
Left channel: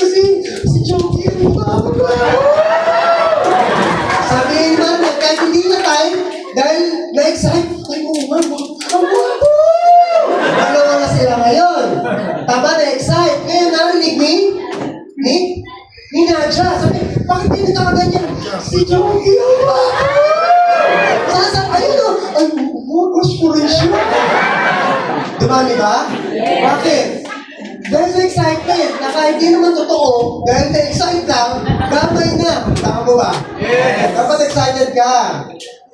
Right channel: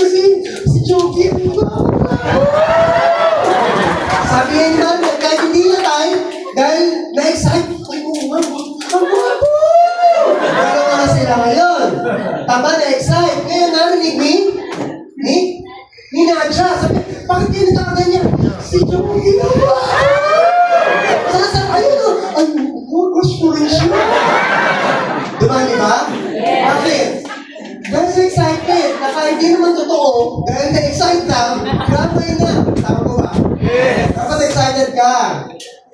Kasi si Joey, ang guwapo. Sabi ni Marinel, kahit hindi na tayo, dahil na-excite, ay, ang guwapo. Ano nga sila ngayon? Tama na-excite. Ngayon, narinig ni Nadja. Sabi, bakit kayo nagkakaganyan? Si Joey, ang guwapo. Saan kayo? Ay, gusto rin siya. Di ba? Bakit? Dahil sa excitement, na kahit di naman totoo, dahil na-excite ka, gamay na. Tama mo ba? Dapat excited ka.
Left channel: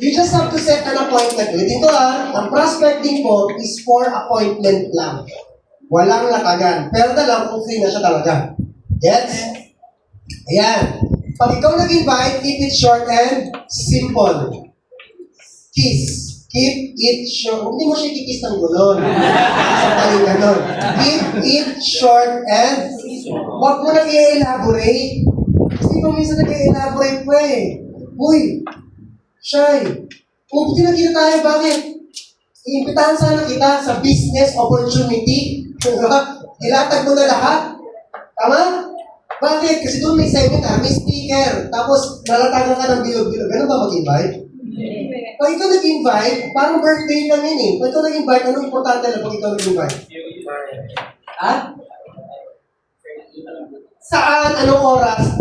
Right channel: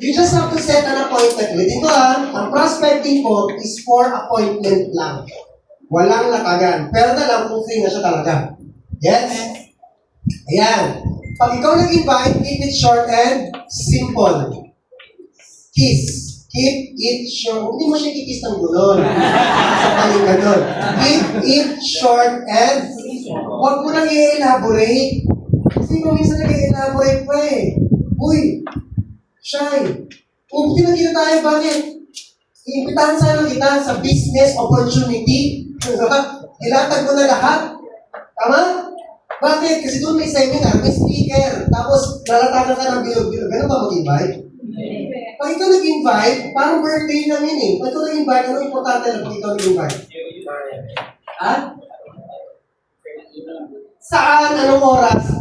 You just have to set an appointment. Dito ang prospecting po is for appointment lang. Walang latagan. Pero na lang kung free na siya talaga. Yes? Ayan. Pag ikaw nag-invite, keep it short and simple. Kiss. Keep it short. Hindi mo siya kikis ng gulon. Sa palinga nun. Keep it short and huwag mo nang i-elaborate. Kasi kung minsan nag-i-elaborate pa eh. Uy, Shai, kung pinagkita tayo, bakit? Iimbitahan sana kita sa business opportunity. Ilatag mo na lahat. Tama? Bakit? Kasi doon may seminar, may speaker, tapos nalatagan ka ng bilog-bilog. Ganun ba mag-invite? Pag ikaw nag-invite, parang birthday lang yun eh. Pag ikaw nag-invite, anong importante na pag ikaw nag-invite? Ha? Saan? Anong oras?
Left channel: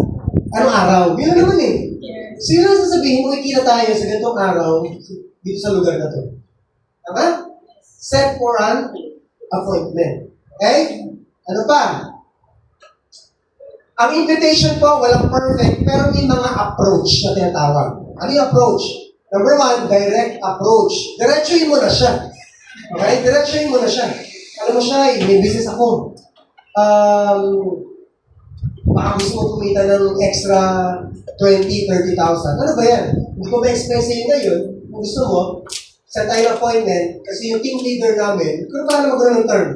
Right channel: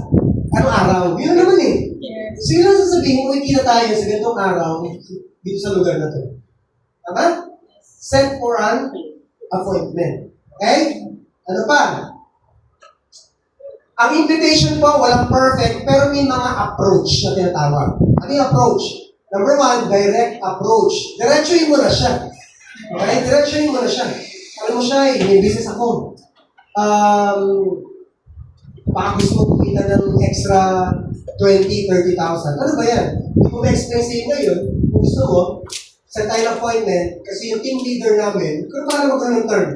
Anong araw? Yun naman eh. So yun ang sasabihin mo, ikita tayo sa ganitong araw dito sa lugar na to. Tama? Set for an appointment. Okay? Ano pa? Ang invitation po, walang perfect, pero may mga approach na tinatawag. Ano yung approach? Number one, direct approach. Diretsuhin mo na siya. Okay? Diretsuhin mo na siya. Alam mo siya, may business ako. Baka gusto mo kumita ng extra 20,000, 30,000. Ano ba yan? Hindi ko ma-explain sa inyo ngayon. Kung gusto mo, set tayo ng appointment kasi yung team leader namin, kung paano magkaroon ng term,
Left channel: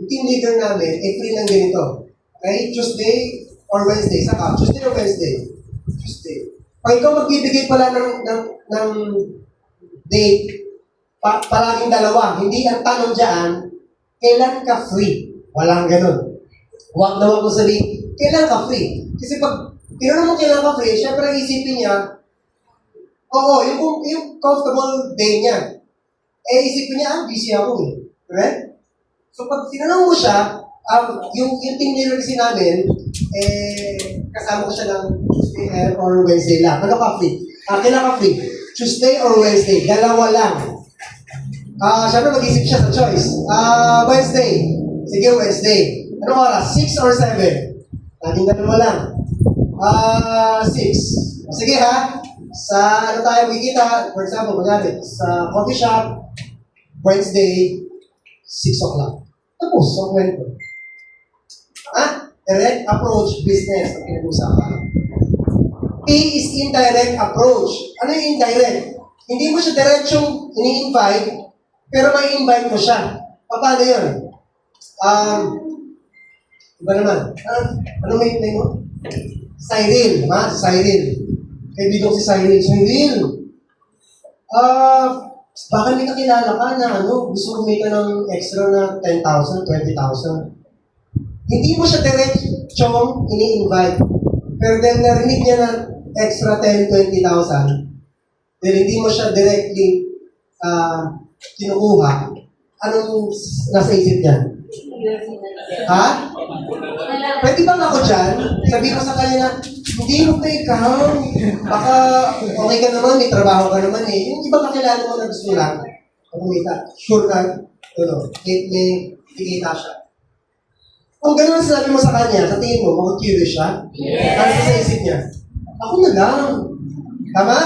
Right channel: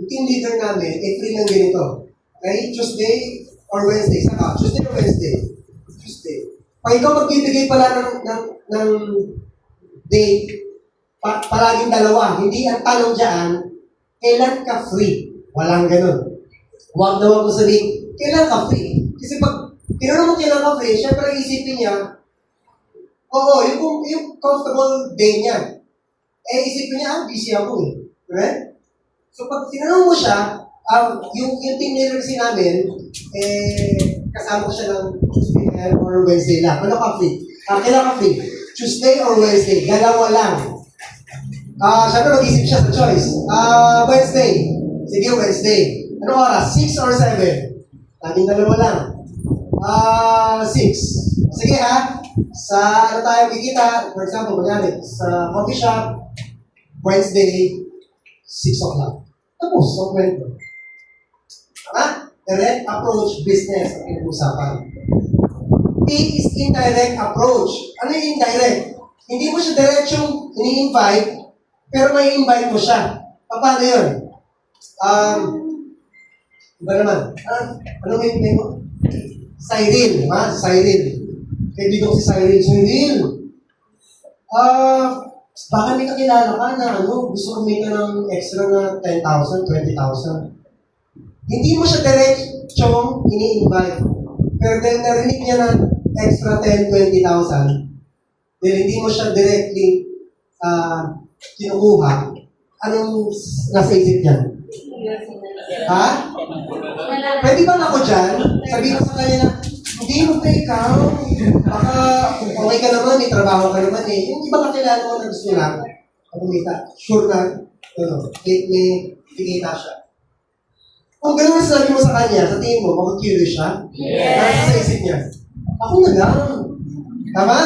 yung team leader namin, free ng ganito. Okay? Tuesday or Wednesday. Saka, Tuesday or Wednesday? Tuesday. Pag ikaw magbibigay pala ng date, palaging dalawa. Hindi ang tanong dyan, kailan ka free? Walang ganun. Huwag naman ko sabihin, kailan ka free? Kasi pag tinanong mo kailan ka free, syempre isipin niya, oo, yung comfortable day niya. Isipin niya, busy ako eh. Correct? So pag tinanong mo siya, yung team leader kasi namin, kasama ko siya ng Tuesday or Wednesday lang. Ano ka free? Kailan ka free? Tuesday or Wednesday? Dalawa lang. Siyempre mag-isip siya sa choice. Wednesday. Sige, Wednesday. Ano oras? 6 or 7? Ating dalawa lang. 6. Sige ha. Sa ano tayo makikita? For example, kunyari, sa coffee shop, Wednesday, 6 o'clock. Tapos, sa kwento. Direct approach business ang pinag-usapan. P is indirect approach. Ano yung indirect? Hindi mo siya diretsong ini-invite, pero may invite mo siya. Paano yun? Iba naman. Ano may name mo? Cyril. Cyril. Kaibigan si Cyril. Cyril. Baka may kakilala ka na gusto kumita ng extra na 10,000, 20,000. Hindi mo siya direct-chong ini-invite. Pero dahil narinig niya na extra 10, 20,000, dahil hindi mo siya directly kinukuha, Anong nasa isip niyan? Ha? Pwede bang ako dyan? Sabihin mo sa kanya na, hindi mo pa ikaw. Baka okay ka naman, may trabaho ka naman eh. Yung ibang kakilala mo na gusto lang, kumita, sure na, may kikita siya. Kung gano'n ang sinabi mo sa kanya, sa tingin mo, mag-curious siya? Yes. Parang sa isip niya, ako na lang. Tama?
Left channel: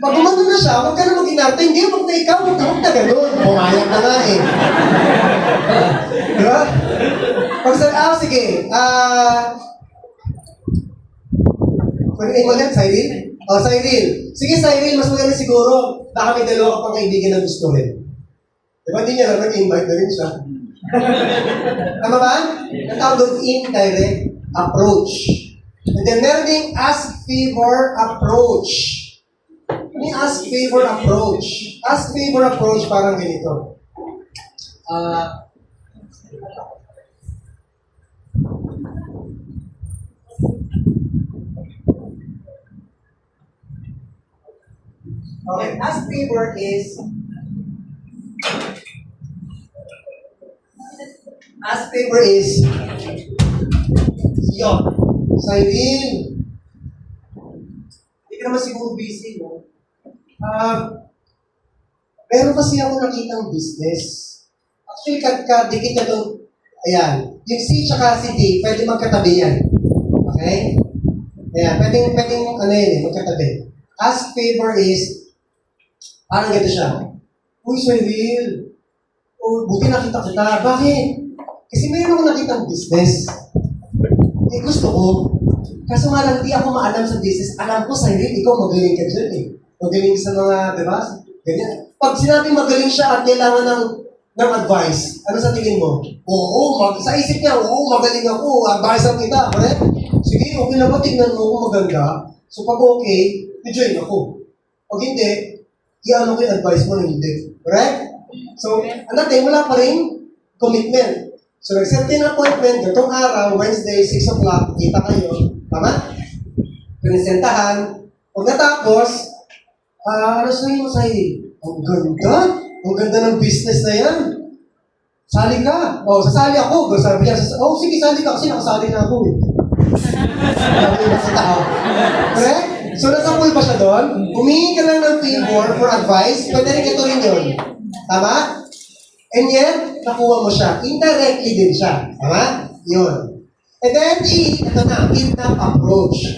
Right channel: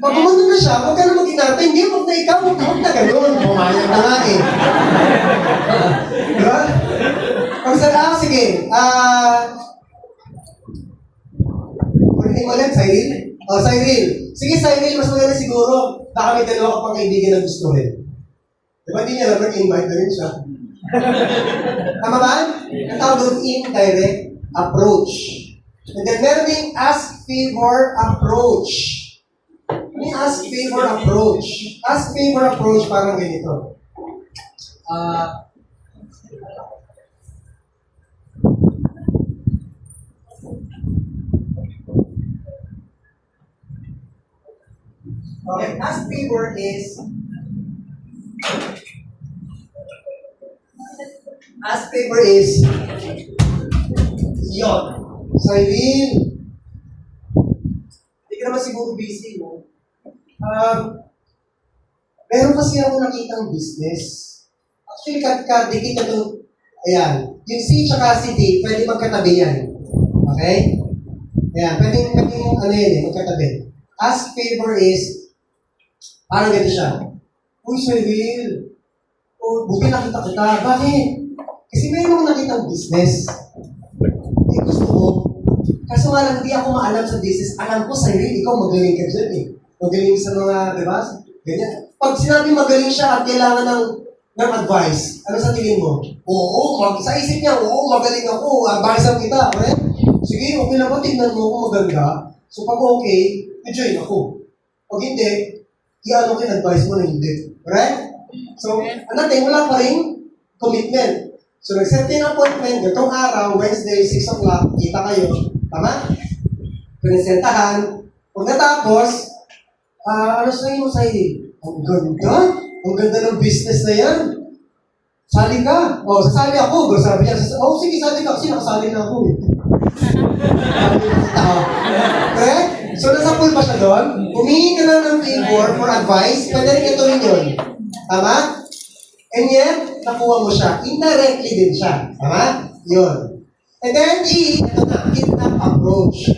Pag gumano na siya, huwag ka na mag-inarte. Hindi, huwag na ikaw, huwag na gano'n. Pumayag na nga eh. Di ba? Pag sa, sige. Pag-name mo ulit, Cyril? Cyril. Sige, Cyril, mas maganda siguro. Baka may dalawa ka pang kaibigan na gusto rin. Di ba, hindi niya naman invite na rin siya. Tama ba? Ang tawag doon, indirect approach. And then meron ding ask favor approach. Ano yung ask favor approach? Ask favor approach parang ganito. Okay, ask favor is yon. Cyril, hindi ka naman siguro busy, no? Meron kasi ako nakitang business. Actually, dikit na itong, ayan, yung C tsaka si D, pwede magkatabi yan. Okay? Ayan, pwedeng ano yun eh, magkatabi. Ask favor is, parang ganito siya. Uy, Cyril, buti nakita kita. Bakit? Kasi meron akong nakitang business. Eh, gusto ko. Kaso nga lang, hindi ako maalam sa business. Alam ko, Cyril, ikaw magaling ka dyan eh. Magaling sa mga, di ba? Ganyan. Pag sinabi magaling siya at kailangan ng advice, ano sa tingin mo? Sa isip niya, magaling ako. Advice kita, correct? Sige, okay na ba? Tignan mo kung maganda. So pag okay, i-join ako. Pag hindi, i-ano ko yung advice mo na hindi. Correct? So, natin, wala pa rin commitment. So, nag-set kayo ng appointment, gatong araw, Wednesday, 6 o'clock, kita kayo. Tama? Pinisentahan. Pag natapos, ano sabihin mo sa'yo? Ang ganda? Ang ganda ng business na yan. Sali ka. Sasali ako. Sabi niya, sige, sali ka kasi nakasali na ako eh. Sabi niya sa tao. Correct? So, nasa pool pa siya doon. Humingi ka lang ng favor for advice. Pwede rin ito rin yun. Tama? And yet, nakuha mo siya. Indirectly din siya. Tama? Yun. And then, ito na, kidnap approach.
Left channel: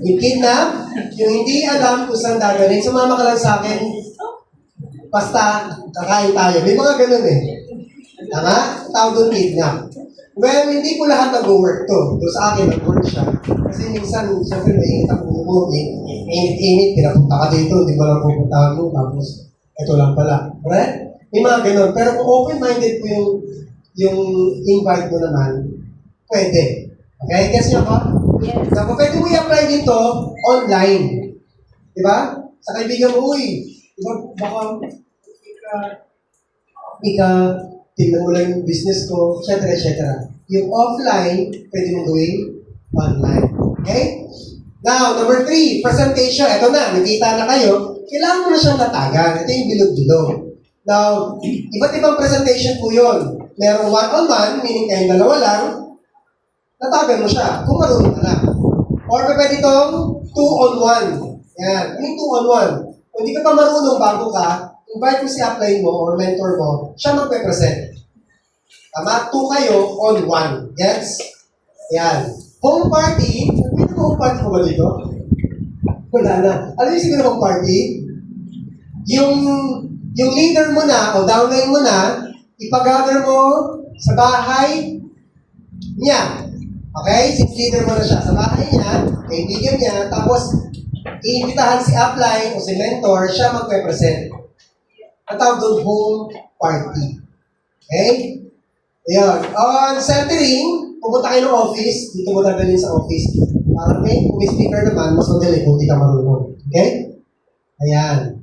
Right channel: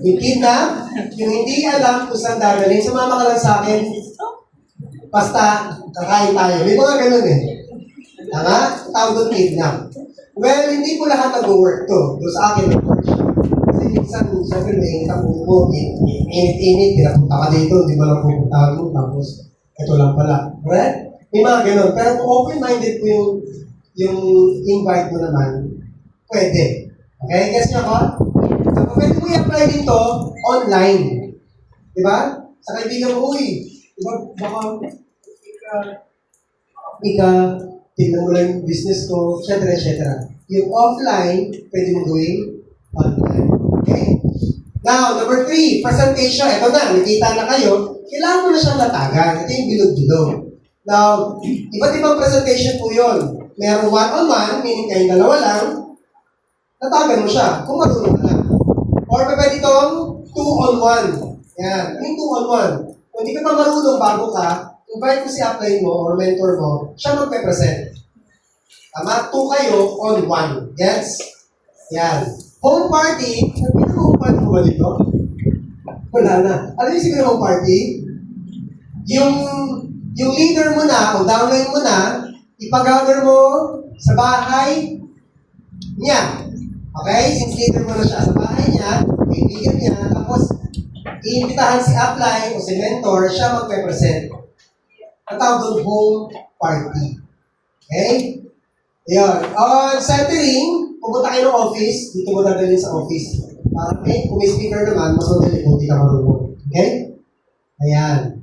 Yung kidnap, yung hindi alam kung saan dagaling, sumama ka lang sa akin, basta, kakain tayo. May mga ganun eh. Tama? Tawag doon kidnap. Well, hindi po lahat nag-work to. Doon sa akin, nag-work siya. Kasi minsan, siyempre, may init ang puno ko, init, pinapunta ka dito, hindi mo lang pupuntahan mo, tapos, ito lang pala. Right? May mga ganun. Pero kung open-minded po yung invite mo naman, pwede. Okay? Guess nyo ko? Yes. So, pwede mo i-apply dito online. Diba? Sa kaibigan mo, diba, baka, tingnan mo lang yung business ko, etc. Yung offline, pwede mo gawin online. Okay? Now, number 3, presentation. Ito na, nakita na kayo. Kailangan mo na siyang latagan. Ito yung bilog-bilog. Now, iba't ibang presentation po yun. Merong one-on-one, meaning kayong dalawa lang, natagan mo siya, kung marunong ka lang. Or pwede itong 2-on-1. Yan. Ano yung 2-on-1? Kung hindi ka pa marunong bago ka, invite mo si upline mo or mentor mo, siya magpe-present. Tama? 2 kayo on 1. Yes? Yan. Home party. Pwede mo home party mo ba dito? Wala na. Ano yung siguro home party? Yung leader mo na, o downline mo na, ipag-gather mo sa bahay niya. Okay? Since leader mo na siya sa bahay niya, kaibigan niya, tapos iimbitahan si upline o si mentor, siya magpe-present. Ang tawag doon, home party. Okay? Ayan. On centering, pumunta kayo ng office, dito mo dadalhin sa office. Para kung may speaker naman, mas madali kung di ka marunong. Okay? Ayan.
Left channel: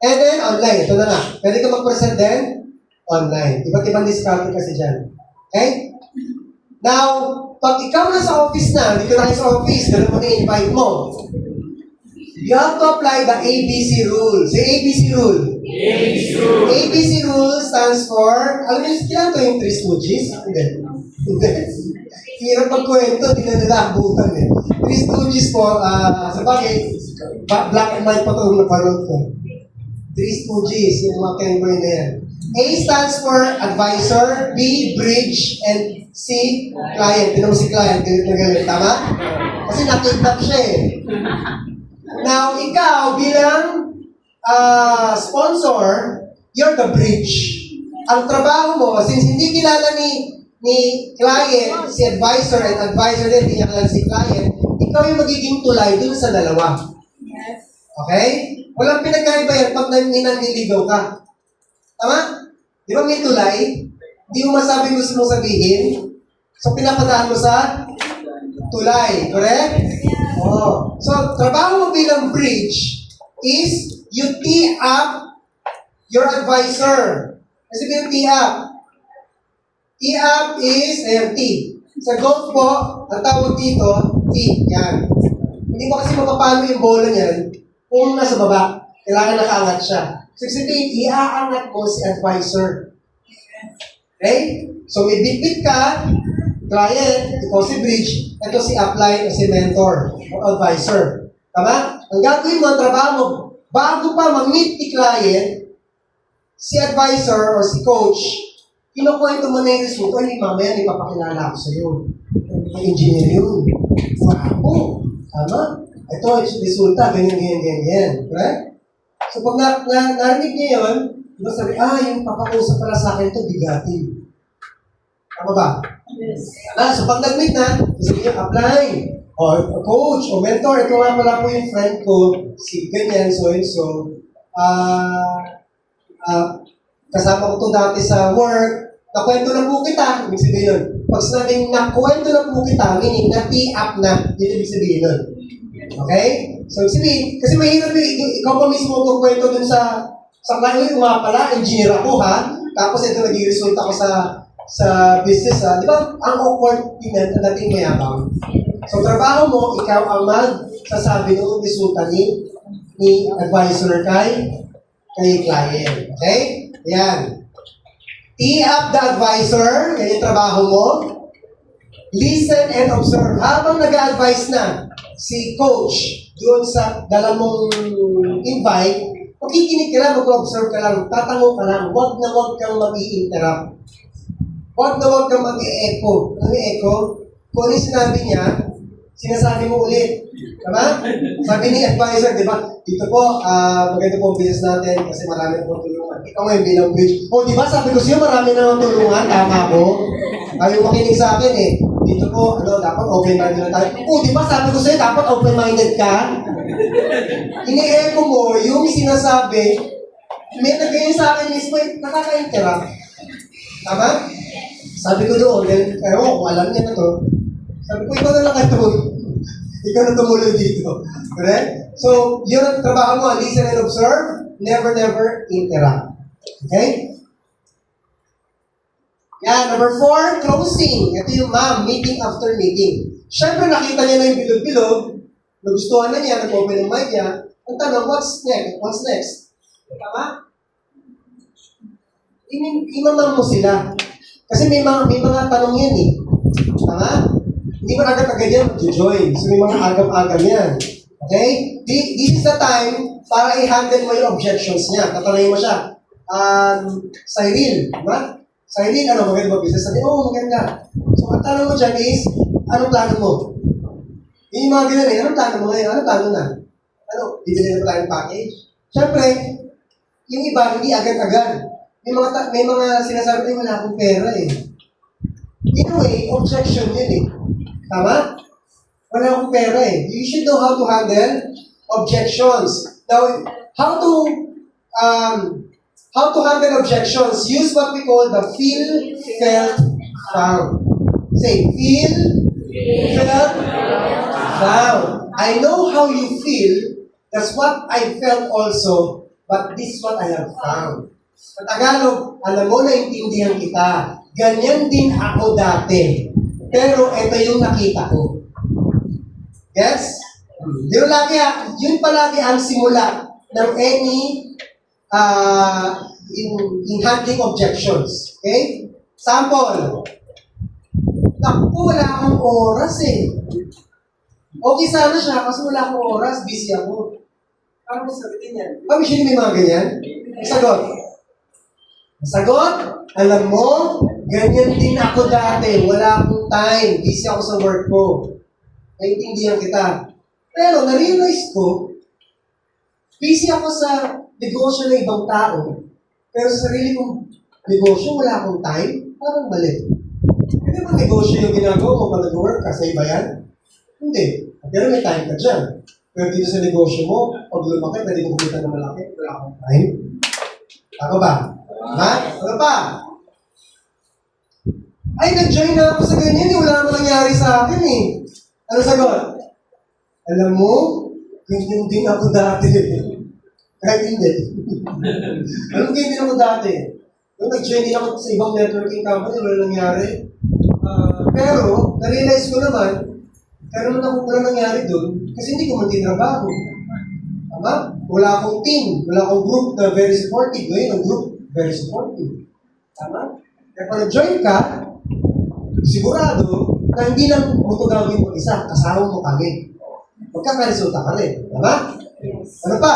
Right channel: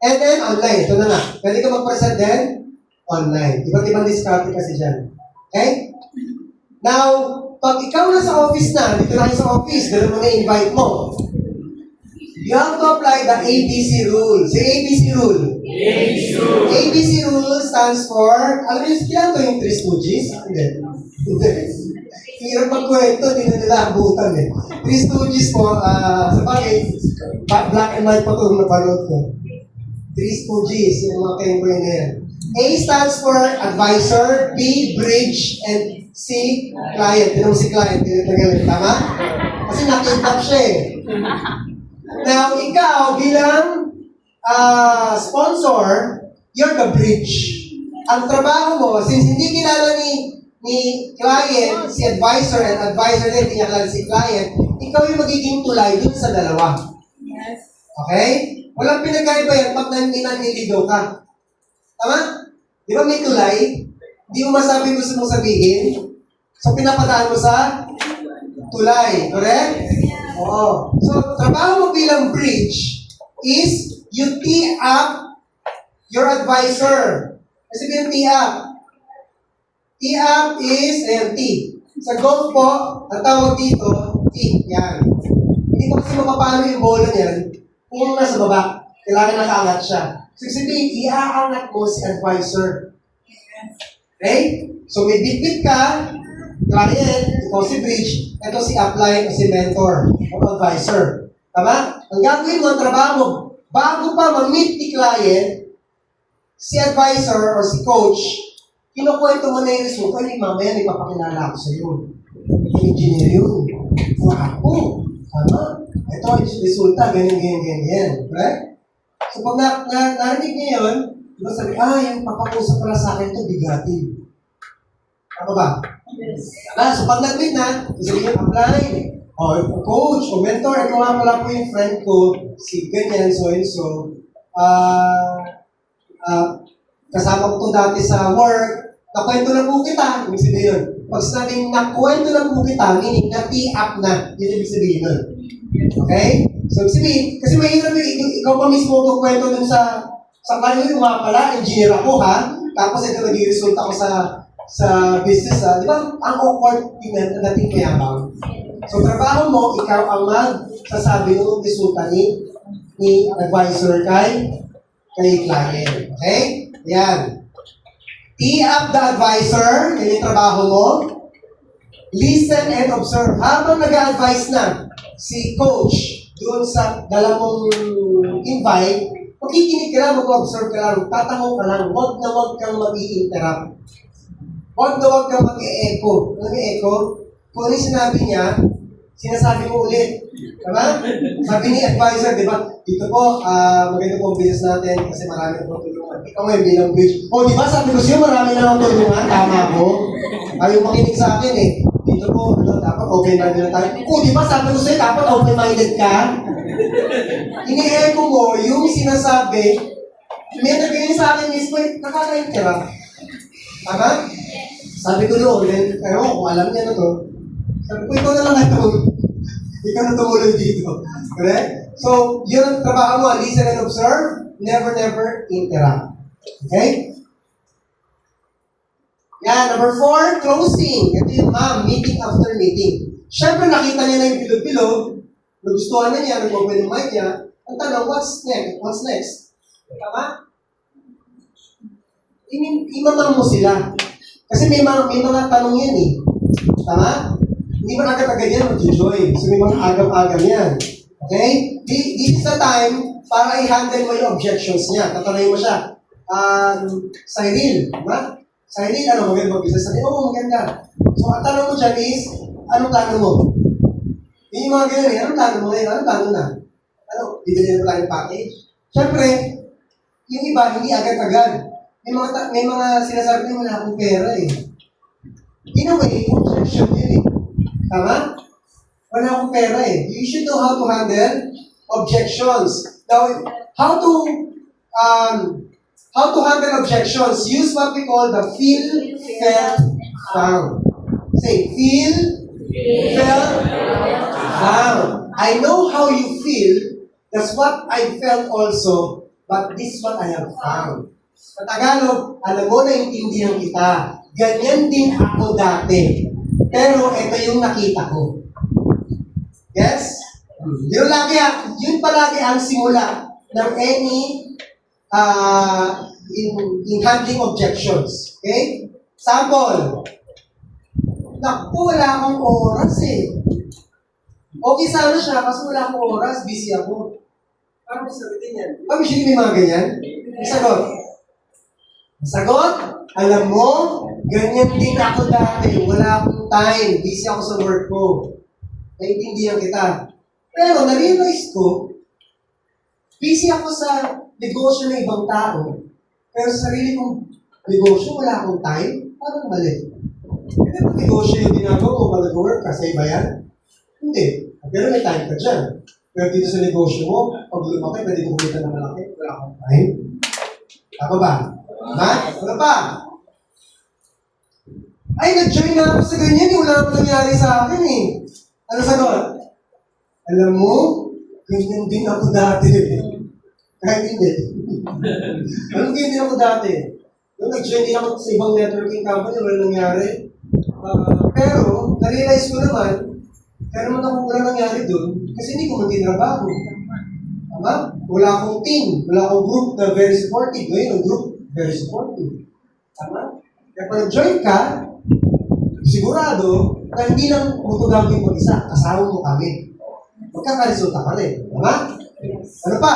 And then, online. Ito na nga. Pwede ka mag-present din? Online. Iba't ibang discount kasi dyan. Okay? Now, pag ikaw na sa office na, dito na kayo sa office, dito mo na-invite mo. You have to apply the ABC rule. Say ABC rule. ABC rule stands for, alam niyo, kailan to yung Three Stooges? Hindi. Hindi. Hirap magkwento, di na nila abutan eh. Three Stooges po, sa bagay, black and white pa ito yung napanood ko. Three Stooges, yung mga kengkoy na yan. A stands for advisor, B, bridge, and C, client. Tinan mo si client, galit. Tama? Kasi nakitap siya eh. Now, ikaw bilang sponsor, you're the bridge. Ang trabaho mo, since hindi kilala ni client, si advisor, and advisor din, hindi niya kilala si client, ikaw yung magiging tulay dun sa dalawa. Yes. Okay? Walang pinagkaiba yan pag naniligaw ka. Tama? Di ba may tulay? Hindi mo masabi gusto mong sabihin. So, pinapadaan mo sa tulay. Correct? Oo. So, trabaho mo bilang bridge is you tee up your advisor. Kasi bilang tee up. Tee up is, ayan, tee. Sa golf po, ang tawag dito, tee. Yan. Hindi mo kasi mapapalo yung bola niyan kung nasa baba. Kailangan nakaangat siya. So, sabihin, iaangat mo si advisor. Okay? So, may bit-bit ka, client, ikaw si bridge, ito si upline o si mentor o advisor. Tama? Ang gagawin mo, ang trabaho mo, bago pa ma-meet ni client, si advisor or si coach, kinukwento mo na yung result, ay, mamaya, may papakilala ako sa iyo. Engineer yun. Wow. Tama? Ito, resulta, ganyan. Correct? So, pag narinig niya yun, diba sabi, yung papakusap pala sa akin ito, bigatin. Tama ba? Yes. So pag nag-meet na, sabi niya, apply. O, coach, o mentor, ito nga pala po yung friend ko, si ganyan, so and so. Kasama ko to dati sa work, nakwento na po kita, ibig sabihin yun. Pag sinabing nakwento na po kita, meaning na-tee up na, yun ibig sabihin yun. Okay? So, ibig sabihin, kasi mahirap yun, ikaw pa mismo kukwento dun sa client, yung mga pala, engineer ako ha, tapos ito naging result ako sa business, di ba? Ang awkward tingnan na dating mayabang. So, trabaho mo, ikaw ang magsasabi ng resulta ni advisor kay client. Okay? Yan. Tee up the advisor, yan yung trabaho mo. Listen and observe. Habang nag-a-advise na si coach doon sa dala mong invite, makikinig ka lang, mag-observe ka lang, tatanong ka lang, wag na wag kang mag-i-interrupt. Huwag na huwag kang mag-e-echo. Ano yung echo? Kung ano yung sinabi niya, sinasabi mo ulit. Tama? Sabi ni advisor, di ba? Dito po, maganda po ang business natin kasi marami na po tulungan. Ikaw ngayon bilang bridge. Di ba? Sabi ko siya, marami na lang tulungan. Tama ko. Ayaw makinig sa akin eh. Dito po, dapat open-minded na tayo. Di ba? Sabi ko sa'yo, dapat open-minded ka. Ini-echo mo, yung sinasabi, may nagayun sa akin mismo, nakaka-interrupt. Tama? Sabi ko doon, kung alam niya na to, sabi ko, ikaw na lang ito. Ikaw na tumulong dito. Correct? So, yun ang trabaho mo, listen and observe, never interrupt. Okay? Yan, number 4, closing. Ito yung meeting after meeting. Siyempre, nakita niya na yung bilog-bilog, nagustuhan na niya, nag-open yung mic niya, ang tanong, what's next? Tama? Imamang mo sila. Kasi may mga tanong yan eh. Tama? Hindi mo agad-agad yan mag-join. So may mga agam-agam yan. Okay? This is the time para i-handle mo yung objections niya. Tatanayin mo siya. Cyril, diba? Cyril, maganda mag-business? Sabi, maganda. So ang tanong mo dyan is, anong plano mo? Yung mga ganun eh, anong plano mo ngayon? Anong plano na? Bibili na ba tayo ng package? Siyempre, yung iba, hindi agad-agad. May mga sinasabi na wala akong pera eh. In a way, objection yun eh. Tama? Wala akong pera eh. You should know how to handle objections. Now, how to handle objections? Use what we call the feel, felt, found. Say, feel, felt, found. I know how you feel. That's what I felt also. But this is what I have found. Sa Tagalog, alam mo, naintindihan kita. Ganyan din ako dati. Pero ito yung nakita ko. Yes? Yun palagi ang simula ng any in handling objections. Okay? Sample. Naku, wala akong oras eh. Okay sana siya, kasi wala akong oras, busy ako. Paano mo sabihin yan? Usually may mga ganyan. Sagot. Sagot, alam mo, ganyan din ako dati. Wala akong time. Busy ako sa work ko. Naintindihan kita. Pero na-realize ko, busy ako sa negosyo ng ibang tao. Pero sa sarili kong negosyo, wala akong time. Parang mali. Hindi ba negosyo yung ginagawa mo pag nag-work ka sa iba yan? Hindi. Pero may time ka dyan. Pero dito sa negosyo mo, pag lumaki, pwede mo kumita na malaki. Wala akong time. Tama ba? Ha? Ano pa? Ay, nag-join na ako sa ganyan. Wala akong nangyari sa akin eh. Ano sagot? Alam mo, ganyan din ako dati. Kahit hindi. Alam ganyan din ako dati. Nung nag-join din ako sa ibang networking company, wala nangyari. Pero, na-realize ko naman, kaya naman ako wala nangyari doon, kasi hindi ko man tinrabaho. Tama? Wala akong team, wala akong group na very supportive. Ngayon, ang group, very supportive. Tama? Kaya pag nag-join ka, sigurado na hindi lang mo ito gagawin mag-isa, kasama mo kami. Magkakaresulta ka rin. Tama? Ano pa?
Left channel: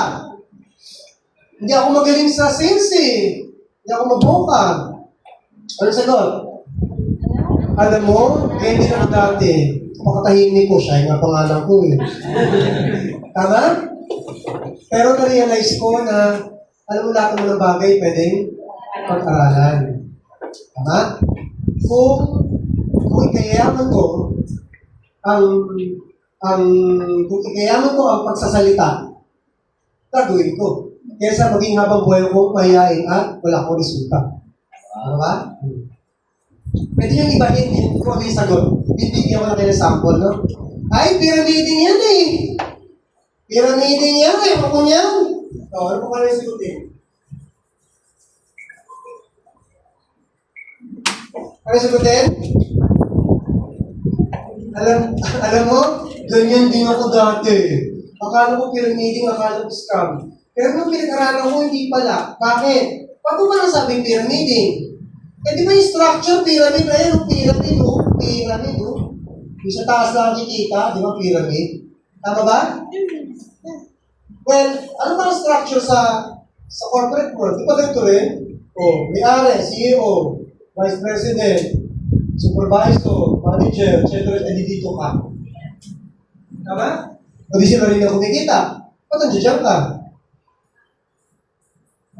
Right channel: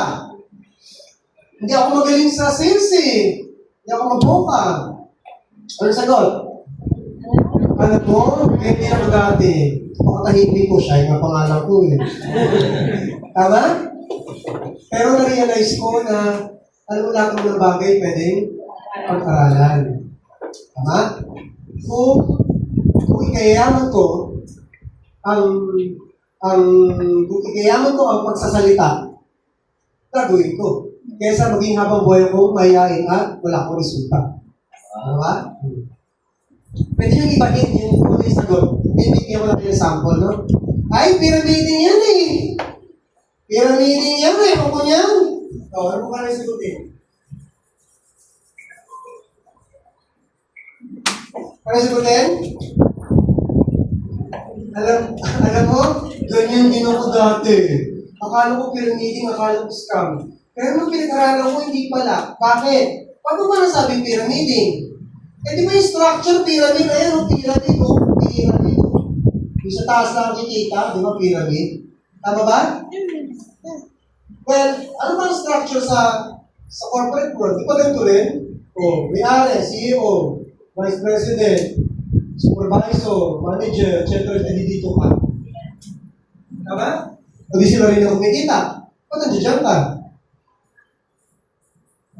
Hindi ako magaling sa sales eh. Hindi ako mag-boka. Ano sagot? Alam mo, kaya hindi ako dati. Pakatahimik ko siya, yung nga pangalan ko eh. Tama? Pero na-realize ko na alam mo lahat ng mga bagay pwedeng pag-aralan. Tama? Kung ikayaman ko kung ikayaman ko ang pagsasalita, gagawin ko. Kaysa maging habang buhay ko mahihain at wala akong resulta. Ano ba? Pwede yung ibahin yung kung ano yung sagot. Bibigyan ko lang kayo ng sample, no? Ay, pyramiding yan eh! Pyramiding yan eh! Ako niyan! O, ano po ka na sagutin? Ano sagutin? Alam mo, ganyan din ako dati. Akala ko pyramiding, akala ko scam. Pero nung pinag-aralan ko, hindi pala. Bakit? Paano ba nasabing pyramiding? Eh di ba yung structure, pyramid, ayan o, pyramid o, pyramid o. Yung sa taas lang kikita, di ba, pyramid? Tama ba? Well, ano ba ang structure sa corporate world? Di ba ganito rin? O, may-ari, CEO, Vice President, Supervisor, Manager, etc. Dito ka. Tama? O di sila rin na kumikita. Ba't nandiyan ka?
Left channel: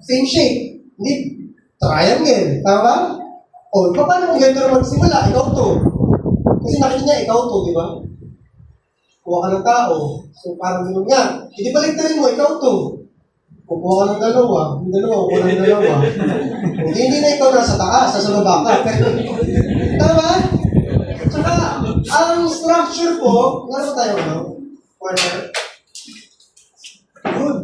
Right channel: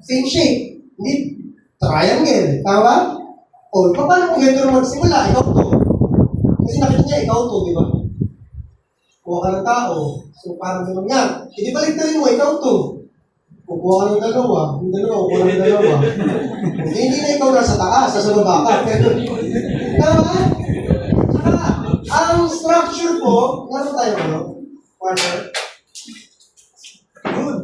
Same shape. Hindi triangle. Tama? O, paano kung ganito naman magsimula? Ikaw to. Kasi nakita niya, ikaw to, di ba? Kuha ka ng tao. So, parang gano'n yan. Hindi baliktarin mo, ikaw to. Kukuha ka ng dalawa. Yung dalawa, kukuha ng dalawa. Hindi na ikaw nasa taas, nasa baba ka. Pero, tama? Tsaka, ang structure po, ano tayo, ano? Partner? Good.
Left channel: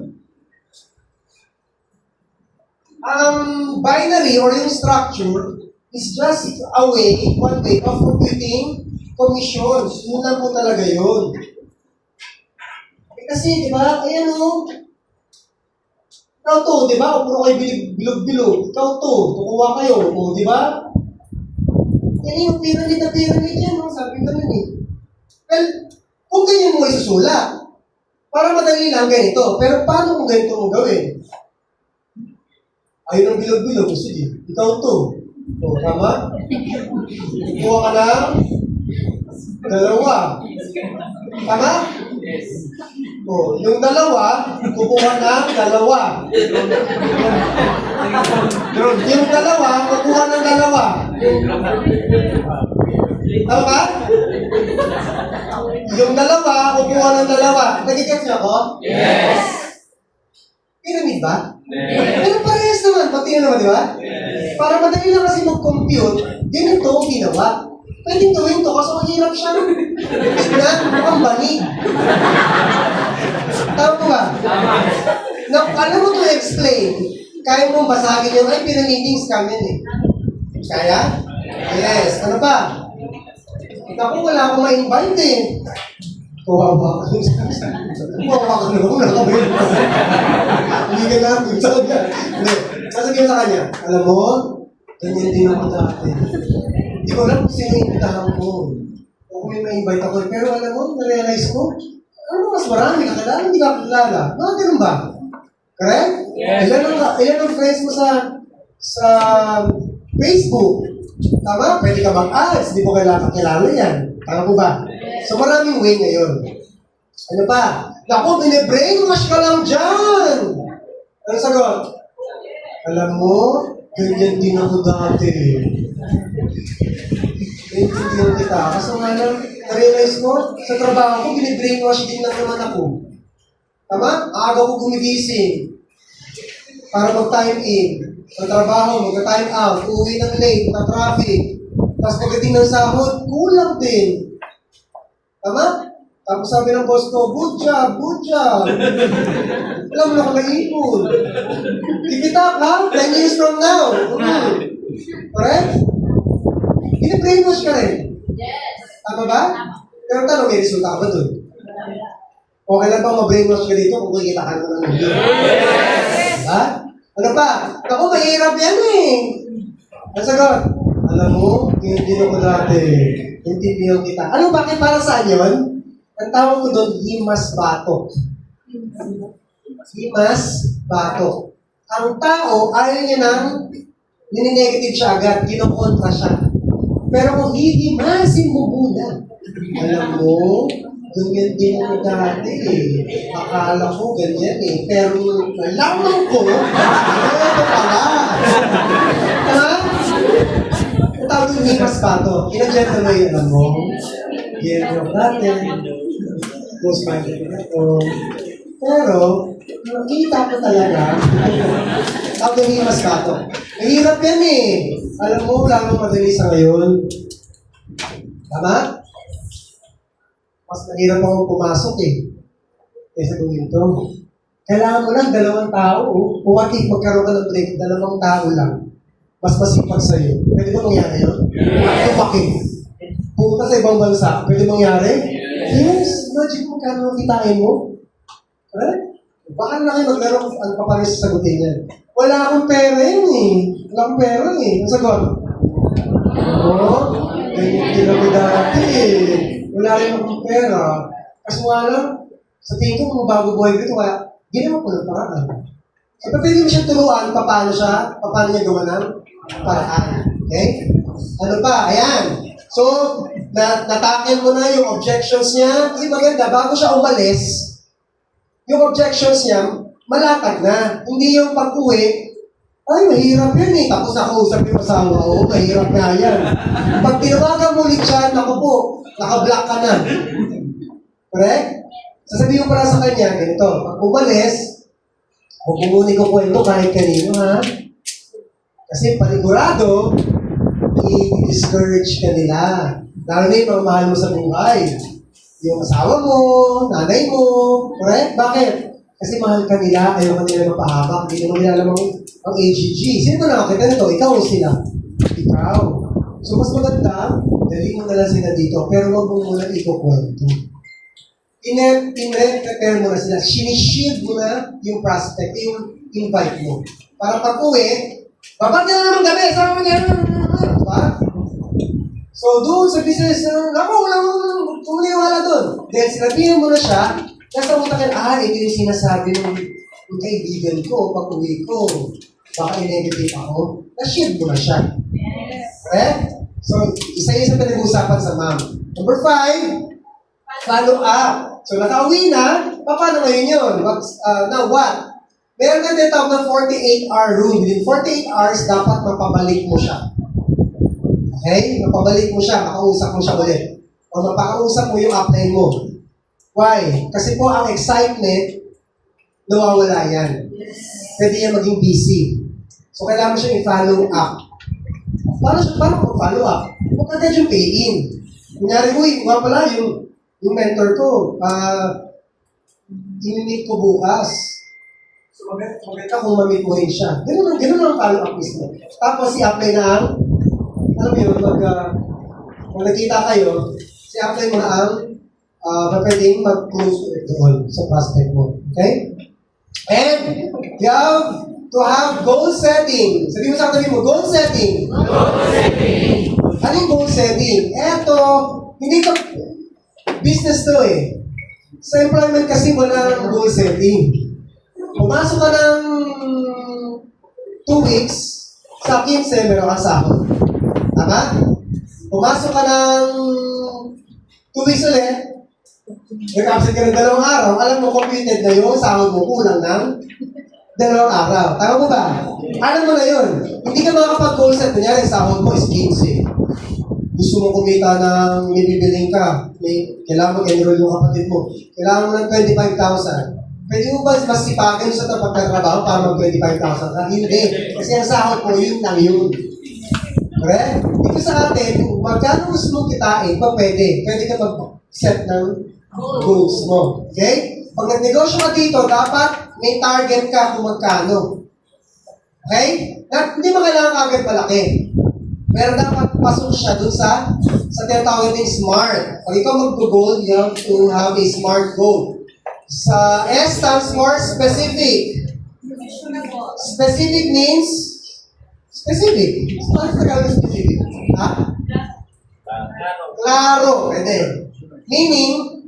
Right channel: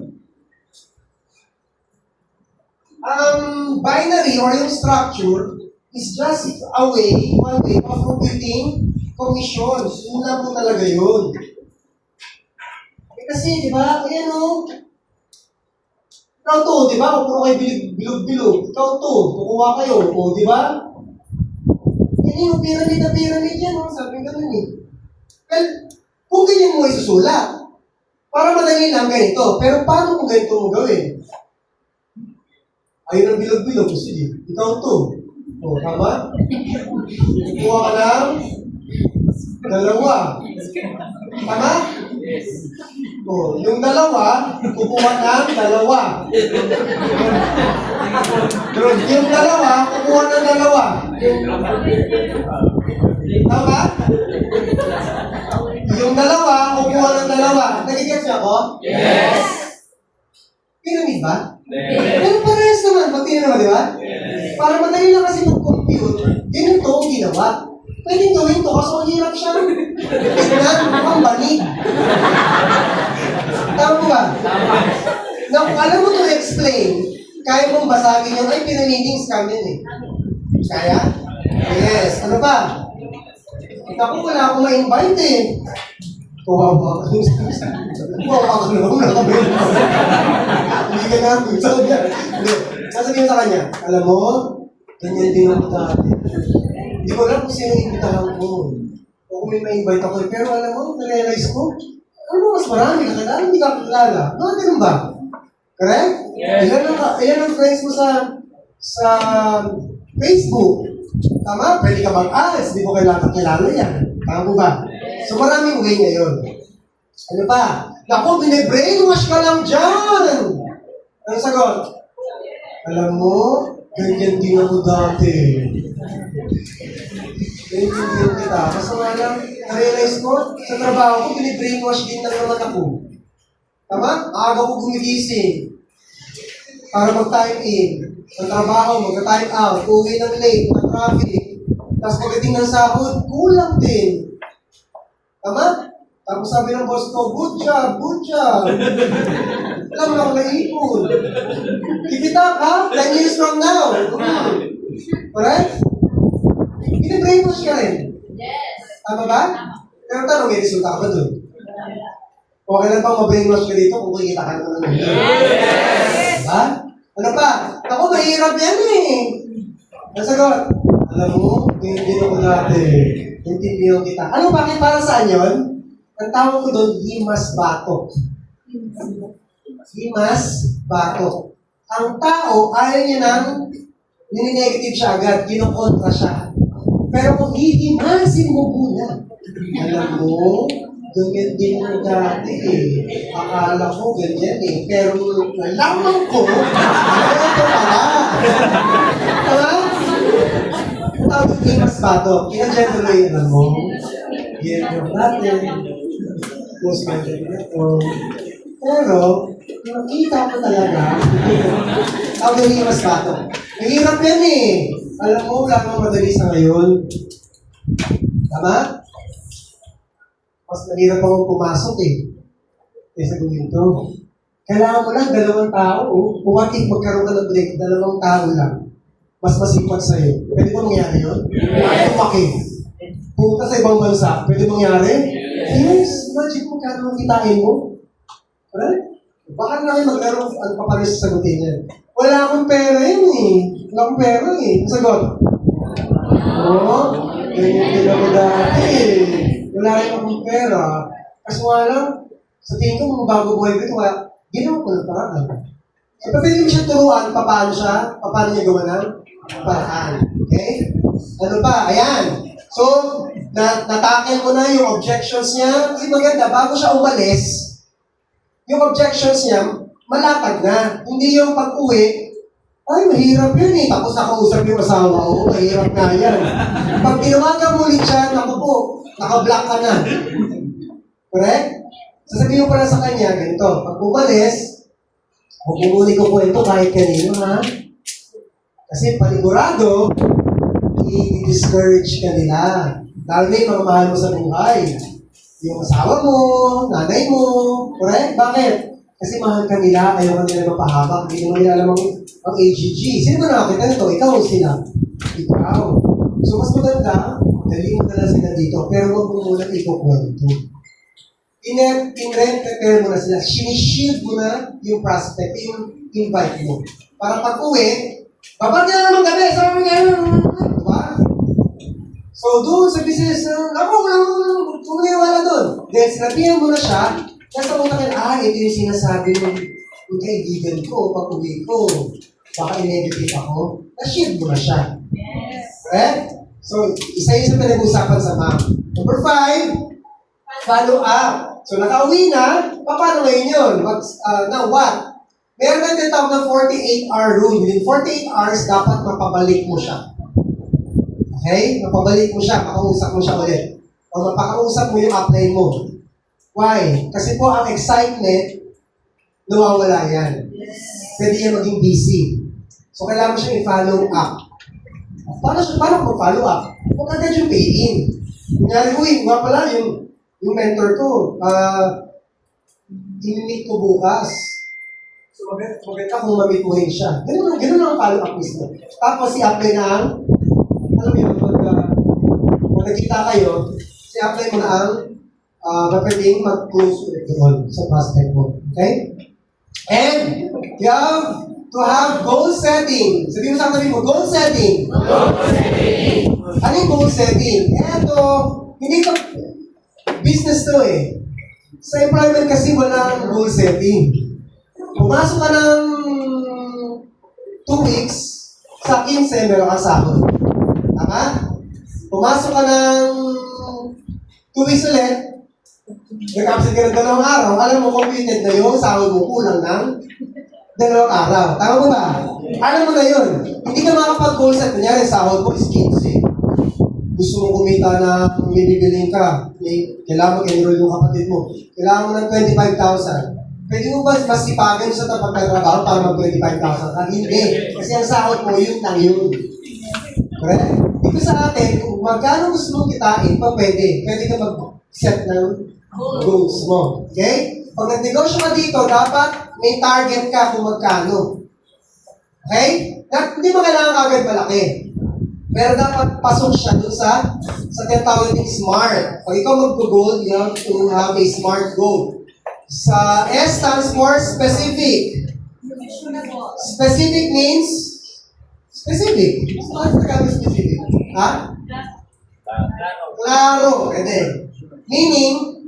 Binary or yung structure is just one way of computing commissions. Yun lang po talaga yun. Eh kasi, di ba, ayan o, ikaw to, di ba, puro kayo bilog-bilog, ikaw to, tukuha kayo, o di ba? Yan yung pyramid na pyramid yan, no? Sabi ko nun eh. Well, kung ganyan mo isusulat, para madali lang ganito, pero paano kung ganito mo gawin? Ayun ang bilog-bilog. Sige, ikaw to. O, tama? Kuha ka ng dalawa. Tama? O, yung dalawa, kukuha ng dalawa. Yung dalawa, kukuha ng dalawa. Tama? Yung dalawa, kukuha ng dalawa. Nagigets niya ako? Yes! Pyramid ba? Pero parehas naman, pati na naman, di ba? Para madali lang kasi mag-compute, ganito ang ginawa. Pwedeng gawin to kasi mahirap siya. Tignan, mukhang banig. Tama po ba? Na, alam mo to explain, kaya mong basagin yung, ay, pyramiding scam yan eh. Kaya? Yes. Ano pa? Naku, wala akong ma-invite eh. Kawawa ka. Kawawa ka naman, nakabili. Hindi ka kanya. Sa kanya. Hindi. Sasabihin mo sa kanya, alam mo, ganyan din ako dati. Hindi ko alam kung sino yung imbitahan ko. O kung may invite ako. Pero alam mo, na-realize ko, ano mas marami kakilala, hindi ka kakilala. Mga ganun ba? Correct? Yes. Ilan ang friends mo sa Facebook? Tama? Pwede ka mag-ads, di mo kailangan kakilala yan. Tama po ba? So maraming way ngayon. Ano pa? Naku, bine-brainwash ka lang dyan! Ano sagot? Alam mo, ganyan din ako dati. Naintindihan kita. Kaso nga lang, na-realize ko, sa trabaho ko, bine-brainwash din lang naman ako. Tama? Aga ko gumigising. Para mag-time in. Sa trabaho, mag-time out. Uwi ng late, na traffic. Tapos pagdating ng sahod, kulang din. Tama? Tapos sabi ng boss ko, good job, good job. Alam mo ako naipon. Kikita ka, 10 years from now. Correct? Bine-brainwash ka rin. Yes. Tama ba? Pero tanong, may resulta ka ba dun? Okay lang bang ma-brainwash ka dito kung kikita ka naman ng mundo? Diba? Ano pa? Ako, mahirap yan eh. Ang sagot, alam mo, hindi ako dati. Intindihan kita. Ano, bakit para saan yun? Ang tawag ko doon, himas batok. Himas batok. Ang tao, ayaw niya nang nini-negative siya agad, kinokontra siya. Pero kung hihimasin mo muna, alam mo, ganyan din ako dati eh. Akala ko ganyan eh. Pero nalaman ko, ito pala. Ha? Ang tawag doon, himas batok. Kinadyan tuloy, alam mo, yan yung dati. Post-minded ako. Pero, nakita ko talaga, tawag yung himas batok. Mahirap yan eh. Alam mo, wala nang madali sa ngayon. Tama? Mas mahirap akong pumasok eh. Kaysa gawin to. Kailangan mo lang dalawang tao. Kung what if magkaroon ka ng break, dalawang tao lang. Mas masipag sa'yo. Pwede ba mangyari yun? Ay, bakit? Pumunta sa ibang bansa, pwede mangyari? Yes. Imagine kung kano kitain mo. Right? Baka na kayo maglaro ano pa paano sasagutin yan. Wala akong pera yun eh. Wala akong pera eh. Ang sagot? Oo. Ganyan din ako dati eh. Wala rin akong pera. Kasi nga lang, sa tingin ko kung bago buhay ko ito, kaya ginawa ko ng paraan. So, pwede mo siya turuan paano niya gawa ng paraan. Okay? Ano pa? Ayan. So, natakin mo na yung objections niya. Kasi maganda, bago siya umalis, yung objections niya, malatag na. Hindi yung pag-uwi, ay, mahirap yun eh. Tapos nakausap yung asawa ko, mahirap nga yan. Pag tinawagan mo ulit siya, naku po, naka-block ka na. Correct? Sasabihin mo pala sa kanya, ganito, pag umalis, kukunin ko po ito kahit kanino, ha? Kasi panigurado, i-discourage ka nila. Lalo na yung mga mahal mo sa buhay. Yung asawa mo, nanay mo, correct? Bakit? Kasi mahal ka nila, ayaw ka nila mapahabak, hindi mo nila alam ang AGG. Sino ba nakakita nito? Ikaw o sila? Ikaw. So mas maganda, dali mo na lang sila dito, pero huwag mo muna ikukwento. Prepare mo na sila. Sinishield mo na yung prospect, yung invite mo. Para pag-uwi, babag na naman kami, sama mo gano'n. Diba? So doon sa business, wala doon. Then sinabihan mo na siya, nasa mo na kayo, ito yung sinasabi ng kaibigan ko, pag-uwi ko. Baka i-negative ako. Na-shield mo na siya. Okay? So, isa-isa pinag-usapan sa ma'am. Number 5, follow up. So, nakauwi na, paano ngayon yun? Now what? Meron na tinatawag ng 48-hour rule. Within 48 hours, dapat mapabalik mo siya. Okay? Mapabalik mo siya, makausap mo siya ulit. O mapakausap mo yung upline mo. Why? Kasi po ang excitement, nawawala yan. Pwede yan maging busy. So, kailangan mo siya i-follow up. Paano kung follow up? Huwag agad yung pay-in. Kunyari, nga pala yung mentor ko, in-meet ko bukas. So, maganda kung ma-meet mo rin siya. Ganun ang follow up mismo. Tapos, i-apply na ang, alam mo yun, kung nagkita kayo, i-apply mo na ang pwedeng mag-close ulit doon sa prospect mo. Okay? And you have to have goal setting. Sabi mo sa tabi mo, goal setting. Ano yung goal setting? Eto, hindi ka, business to eh. Sa employment kasi wala goal setting. Pumasok ka ng 2 weeks, sa 15, meron kang sahod. Tama? Pumasok ka ng 2 weeks ulit, nag-absent ka ng 2 araw, alam mo, computed na yung sahod mo kulang ng 2 araw. Tama mo ba? Alam mo na yun. Hindi ka makapag-goal set. Kunyari, sahod mo is 15. Gusto mo kumita ng ibibiling ka, kailangan mo enroll yung kapatid mo, kailangan mo ng 25,000. Pwede mo ba mas sipagan sa tapat ng trabaho para mag-25,000 ka? Hindi. Kasi ang sahod mo, yun lang yun. Correct? Dito sa atin, magkano gusto mong kitain, pa pwede. Pwede ka mag-set ng goals mo. Okay? Pag nag-negosyo ka dito, dapat may target ka kung magkano. Okay? Hindi mo kailangan kagad malaki. Pero dapat pasok siya dun sa tinatawag natin SMART. Pag ikaw mag-goal, you have to have a SMART goal. Sa S stands for specific. Specific means specific. Ano sa Tagalog specific? Ha? Klaro. Pwede. Meaning,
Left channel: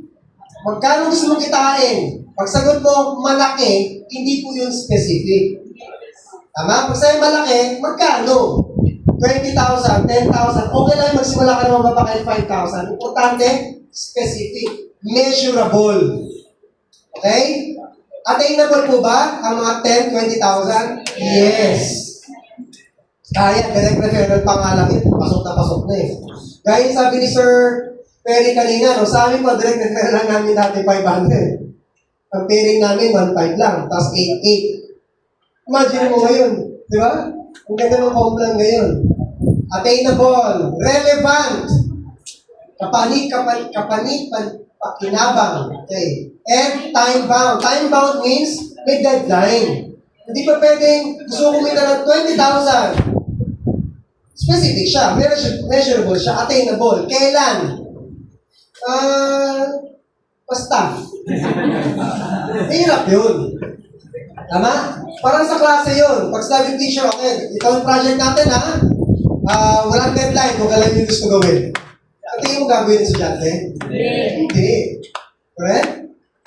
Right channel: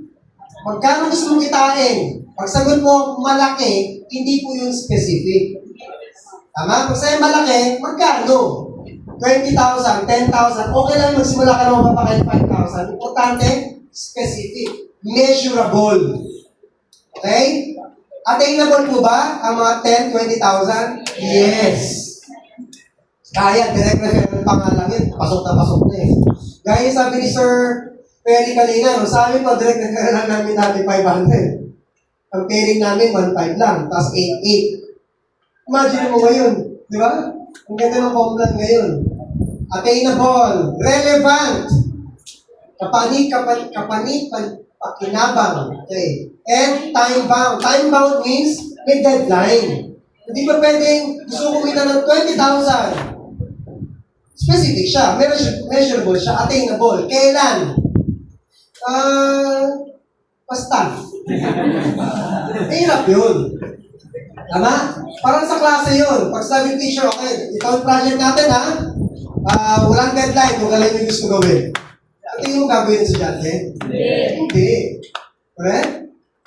magkano gusto mong kitain? Pag sagot mo malaki, hindi po yun specific. Tama? Pag sa'yo malaki, magkano? 20,000, 10,000, okay lang magsimula ka naman pa kahit 5,000. Importante, specific, measurable. Okay? Attainable po ba ang mga 10, 20,000? Yes. Kaya, direct referral pa nga lang yun. Pasok na eh. Gaya sabi ni Sir Perry kanina, no? Sa amin pa, direct referral lang namin dati 500. Ang pairing namin, 1.5 lang. Tapos 8.8. Imagine mo ngayon. Di ba? Ang ganda ng complan ngayon. Attainable, relevant, pakinabang, okay. And time-bound. Time-bound means may deadline. Hindi pa pwedeng gusto ko kumita ng 20,000. Specific siya, measurable siya, attainable. Kailan? Basta. Hirap yun. Tama? Parang sa klase yun. Pag sabi ng teacher, okay, ito ang project natin ha. Walang deadline kung alam yung gusto gawin. Ang tingin mo gagawin ng estudyante? Hindi. Correct?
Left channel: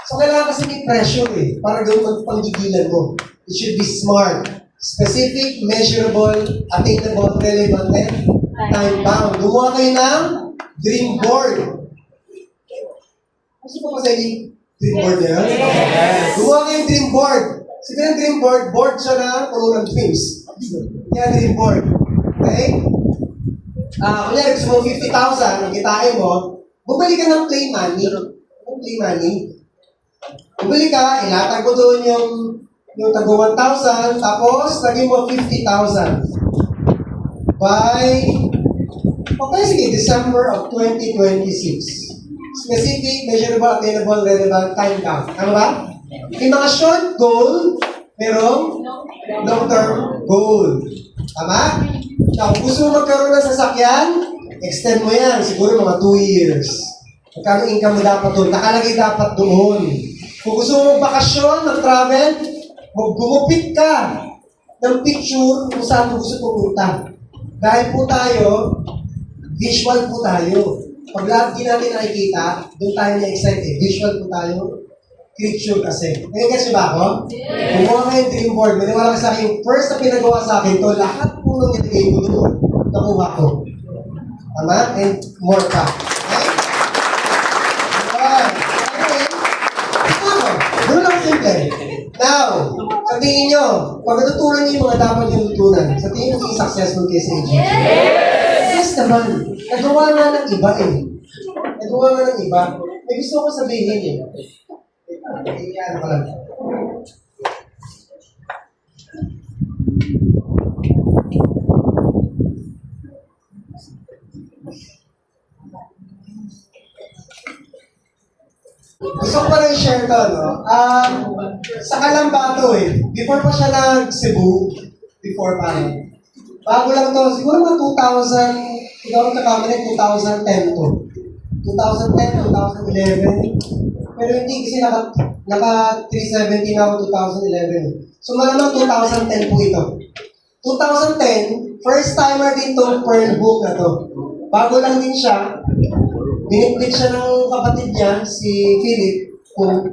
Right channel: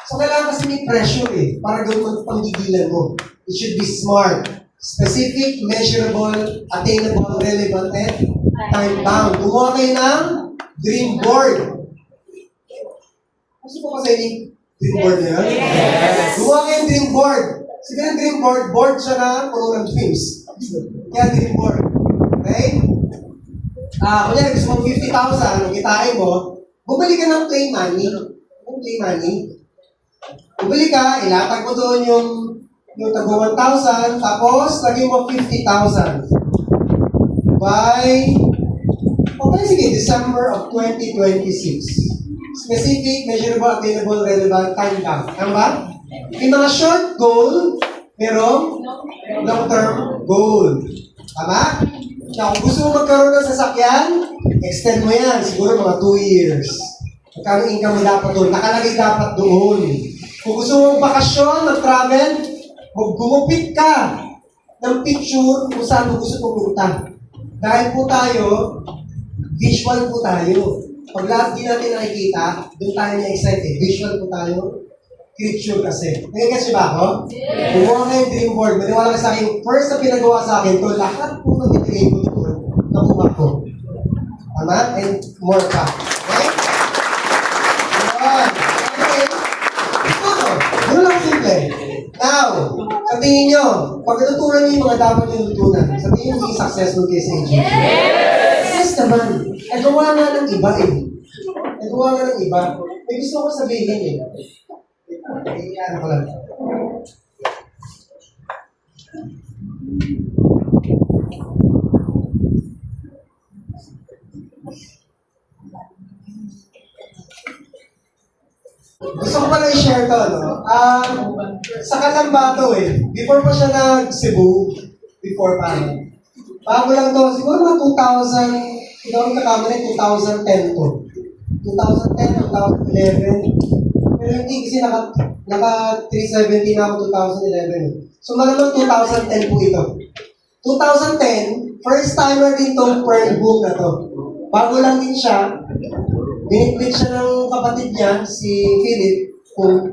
So kailangan kasi may pressure eh. Para gawin ang panggigilan mo. It should be smart. Specific, measurable, attainable, relevant, and time-bound. Gumawa kayo ng dream board. Gusto ko pa sa inyo dream board na yun? Gumawa kayo ng dream board. Siguro yung dream board, board siya na puno ng dreams. Kaya dream board. Okay? Kunyari gusto mo 50,000, ang kitain mo, bumalik ka ng play money. Yung play money. Bumalik ka, ilatag mo doon yung tago 1,000, tapos lagyan mo 50,000. By, okay, sige, December of 2026. Specific, measurable, attainable, relevant, time down. Tama ba? Yung mga short goal, merong long-term goal. Tama? Now, kung gusto mo magkaroon ng sasakyan, extend mo yan. Siguro mga 2 years. Magkano income mo dapat doon? Nakalagay dapat doon. Kung gusto mo bakasyon, mag-travel, gumupit ka ng picture kung saan mo gusto pumunta. Dahil po tayo, visual po tayo. Pag lahat di natin nakikita, doon tayo na-excite eh. Visual po tayo. Picture kasi. Nagigets ba ako? Kumuha kayo yung dream board. Maniwala ka sa akin, first na pinagawa sa akin to, lahat po nang itigay ko doon. Nakuha ko. Tama? And more pa. Okay? Alright. Okay. Ako. Doon lang simple. Now, sa tingin nyo, pag natutunan nyo yung mga dapat yung tutunan, sa tingin nyo magiging successful kayo sa agency? Yes naman. Nagawa nga ng iba eh. Nagawa nga ng iba. May gusto ko sabihin eh. Ano ko lang. Gusto ko pala i-share to, no? Sa Kalambato eh. Before pa siya nag-Cebu, before pa. Bago lang to, siguro mga 2000, hindi ako nagkakamali, 2010 to. 2010, 2011. Pero hindi kasi Naka 370 na ako 2011. So malamang 2010 po ito. 2010, first timer din tong Pearl Book na to. Bago lang din siya, binitbit siya ng kapatid niya, si Philip, kung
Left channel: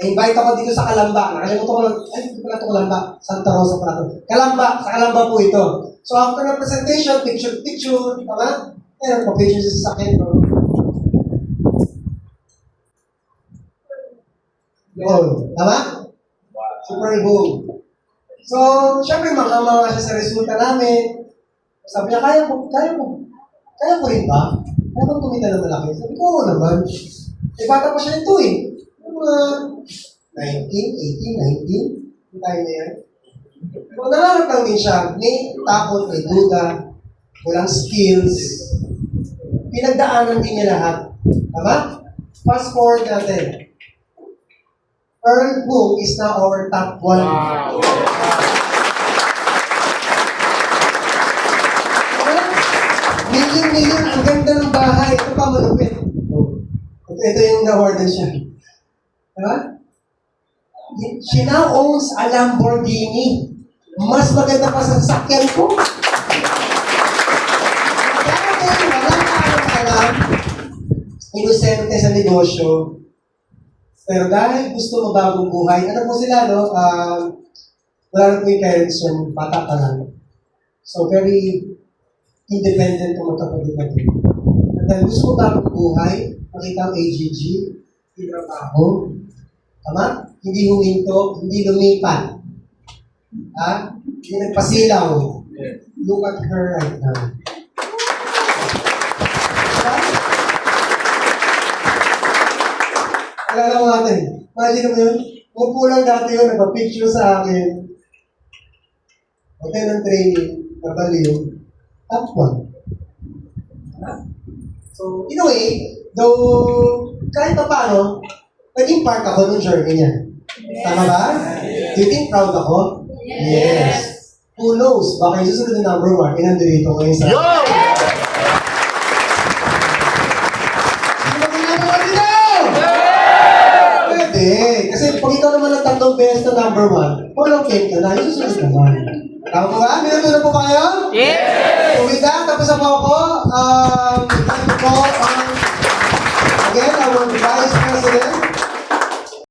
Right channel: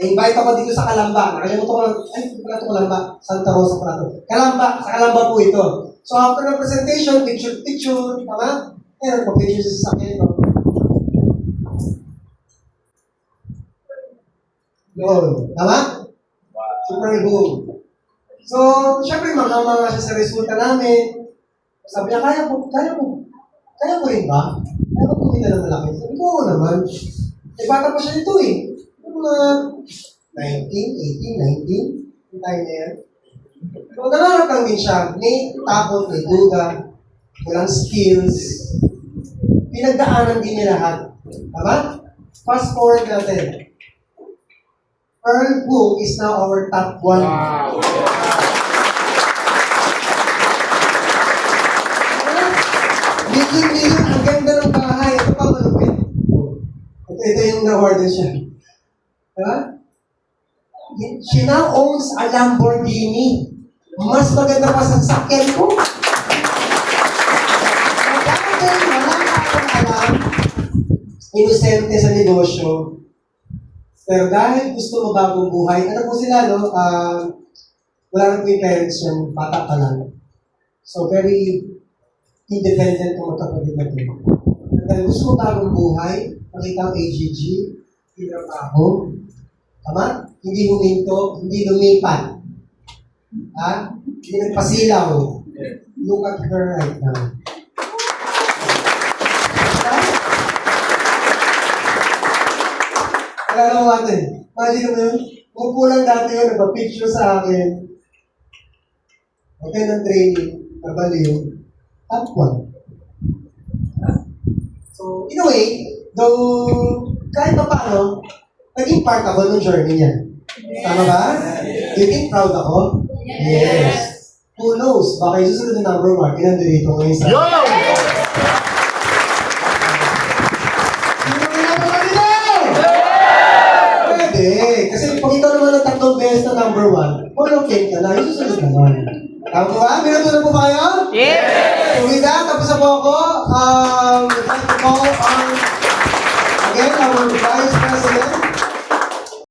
na-invite ako dito sa Calamba. Nakalimutan ko lang, hindi pala ito Calamba, Santa Rosa pala ito. Calamba, sa Calamba po ito. So after ng presentation, picture, tama? Eh, pa-picture sa sasakyan ko. Yun, tama? Super boom. So, syempre, mga siya sa resulta namin. Sabi niya, kaya ko rin ba? Kaya ko kumita ng malaki? Sabi ko, oo naman. Eh, bata pa siya ito eh. Yung mga 19, 18, 19, yung time na yan. So, nangarap lang din siya. May takot, may duda, walang skills. Pinagdaanan din niya lahat. Tama? Fast forward natin. Earl Book is now our top 1. Wow. Million, ang ganda ng bahay. Ito pa malupit. Ito yung na-order siya. Diba? She now owns a Lamborghini. Mas maganda pa sa sakyan ko. Dati, walang alam. Inosente sa negosyo. Pero dahil gusto mabagong buhay, ano po sila, no? Wala na po yung parents yung bata pa lang. So, very independent ang magkapatid natin. At dahil gusto mabagong buhay, nakita ang AGG, pinang ako, tama? Hindi huminto, hindi lumipat. Ha? Hindi nagpasilaw. Look at her right now. Alala mo natin, imagine mo yun, kung kulang dati yun, nagpa-picture sa akin. Okay ng training, nabaliw, top 1. So, in a way, though, kahit pa paano, naging part ako ng journey niya. Tama ba? Do you think proud ako? Yes. Who knows, baka yung susunod na number 1, inandito ngayon sa... Yo! Kasi pag ikaw naman ang tatlong beses na number 1, walang fake ka na, yung susunod naman. Tama po ba? May natutunan po kayo? Yes! So with that, tapos na po ako. Thank you po. Again, I want to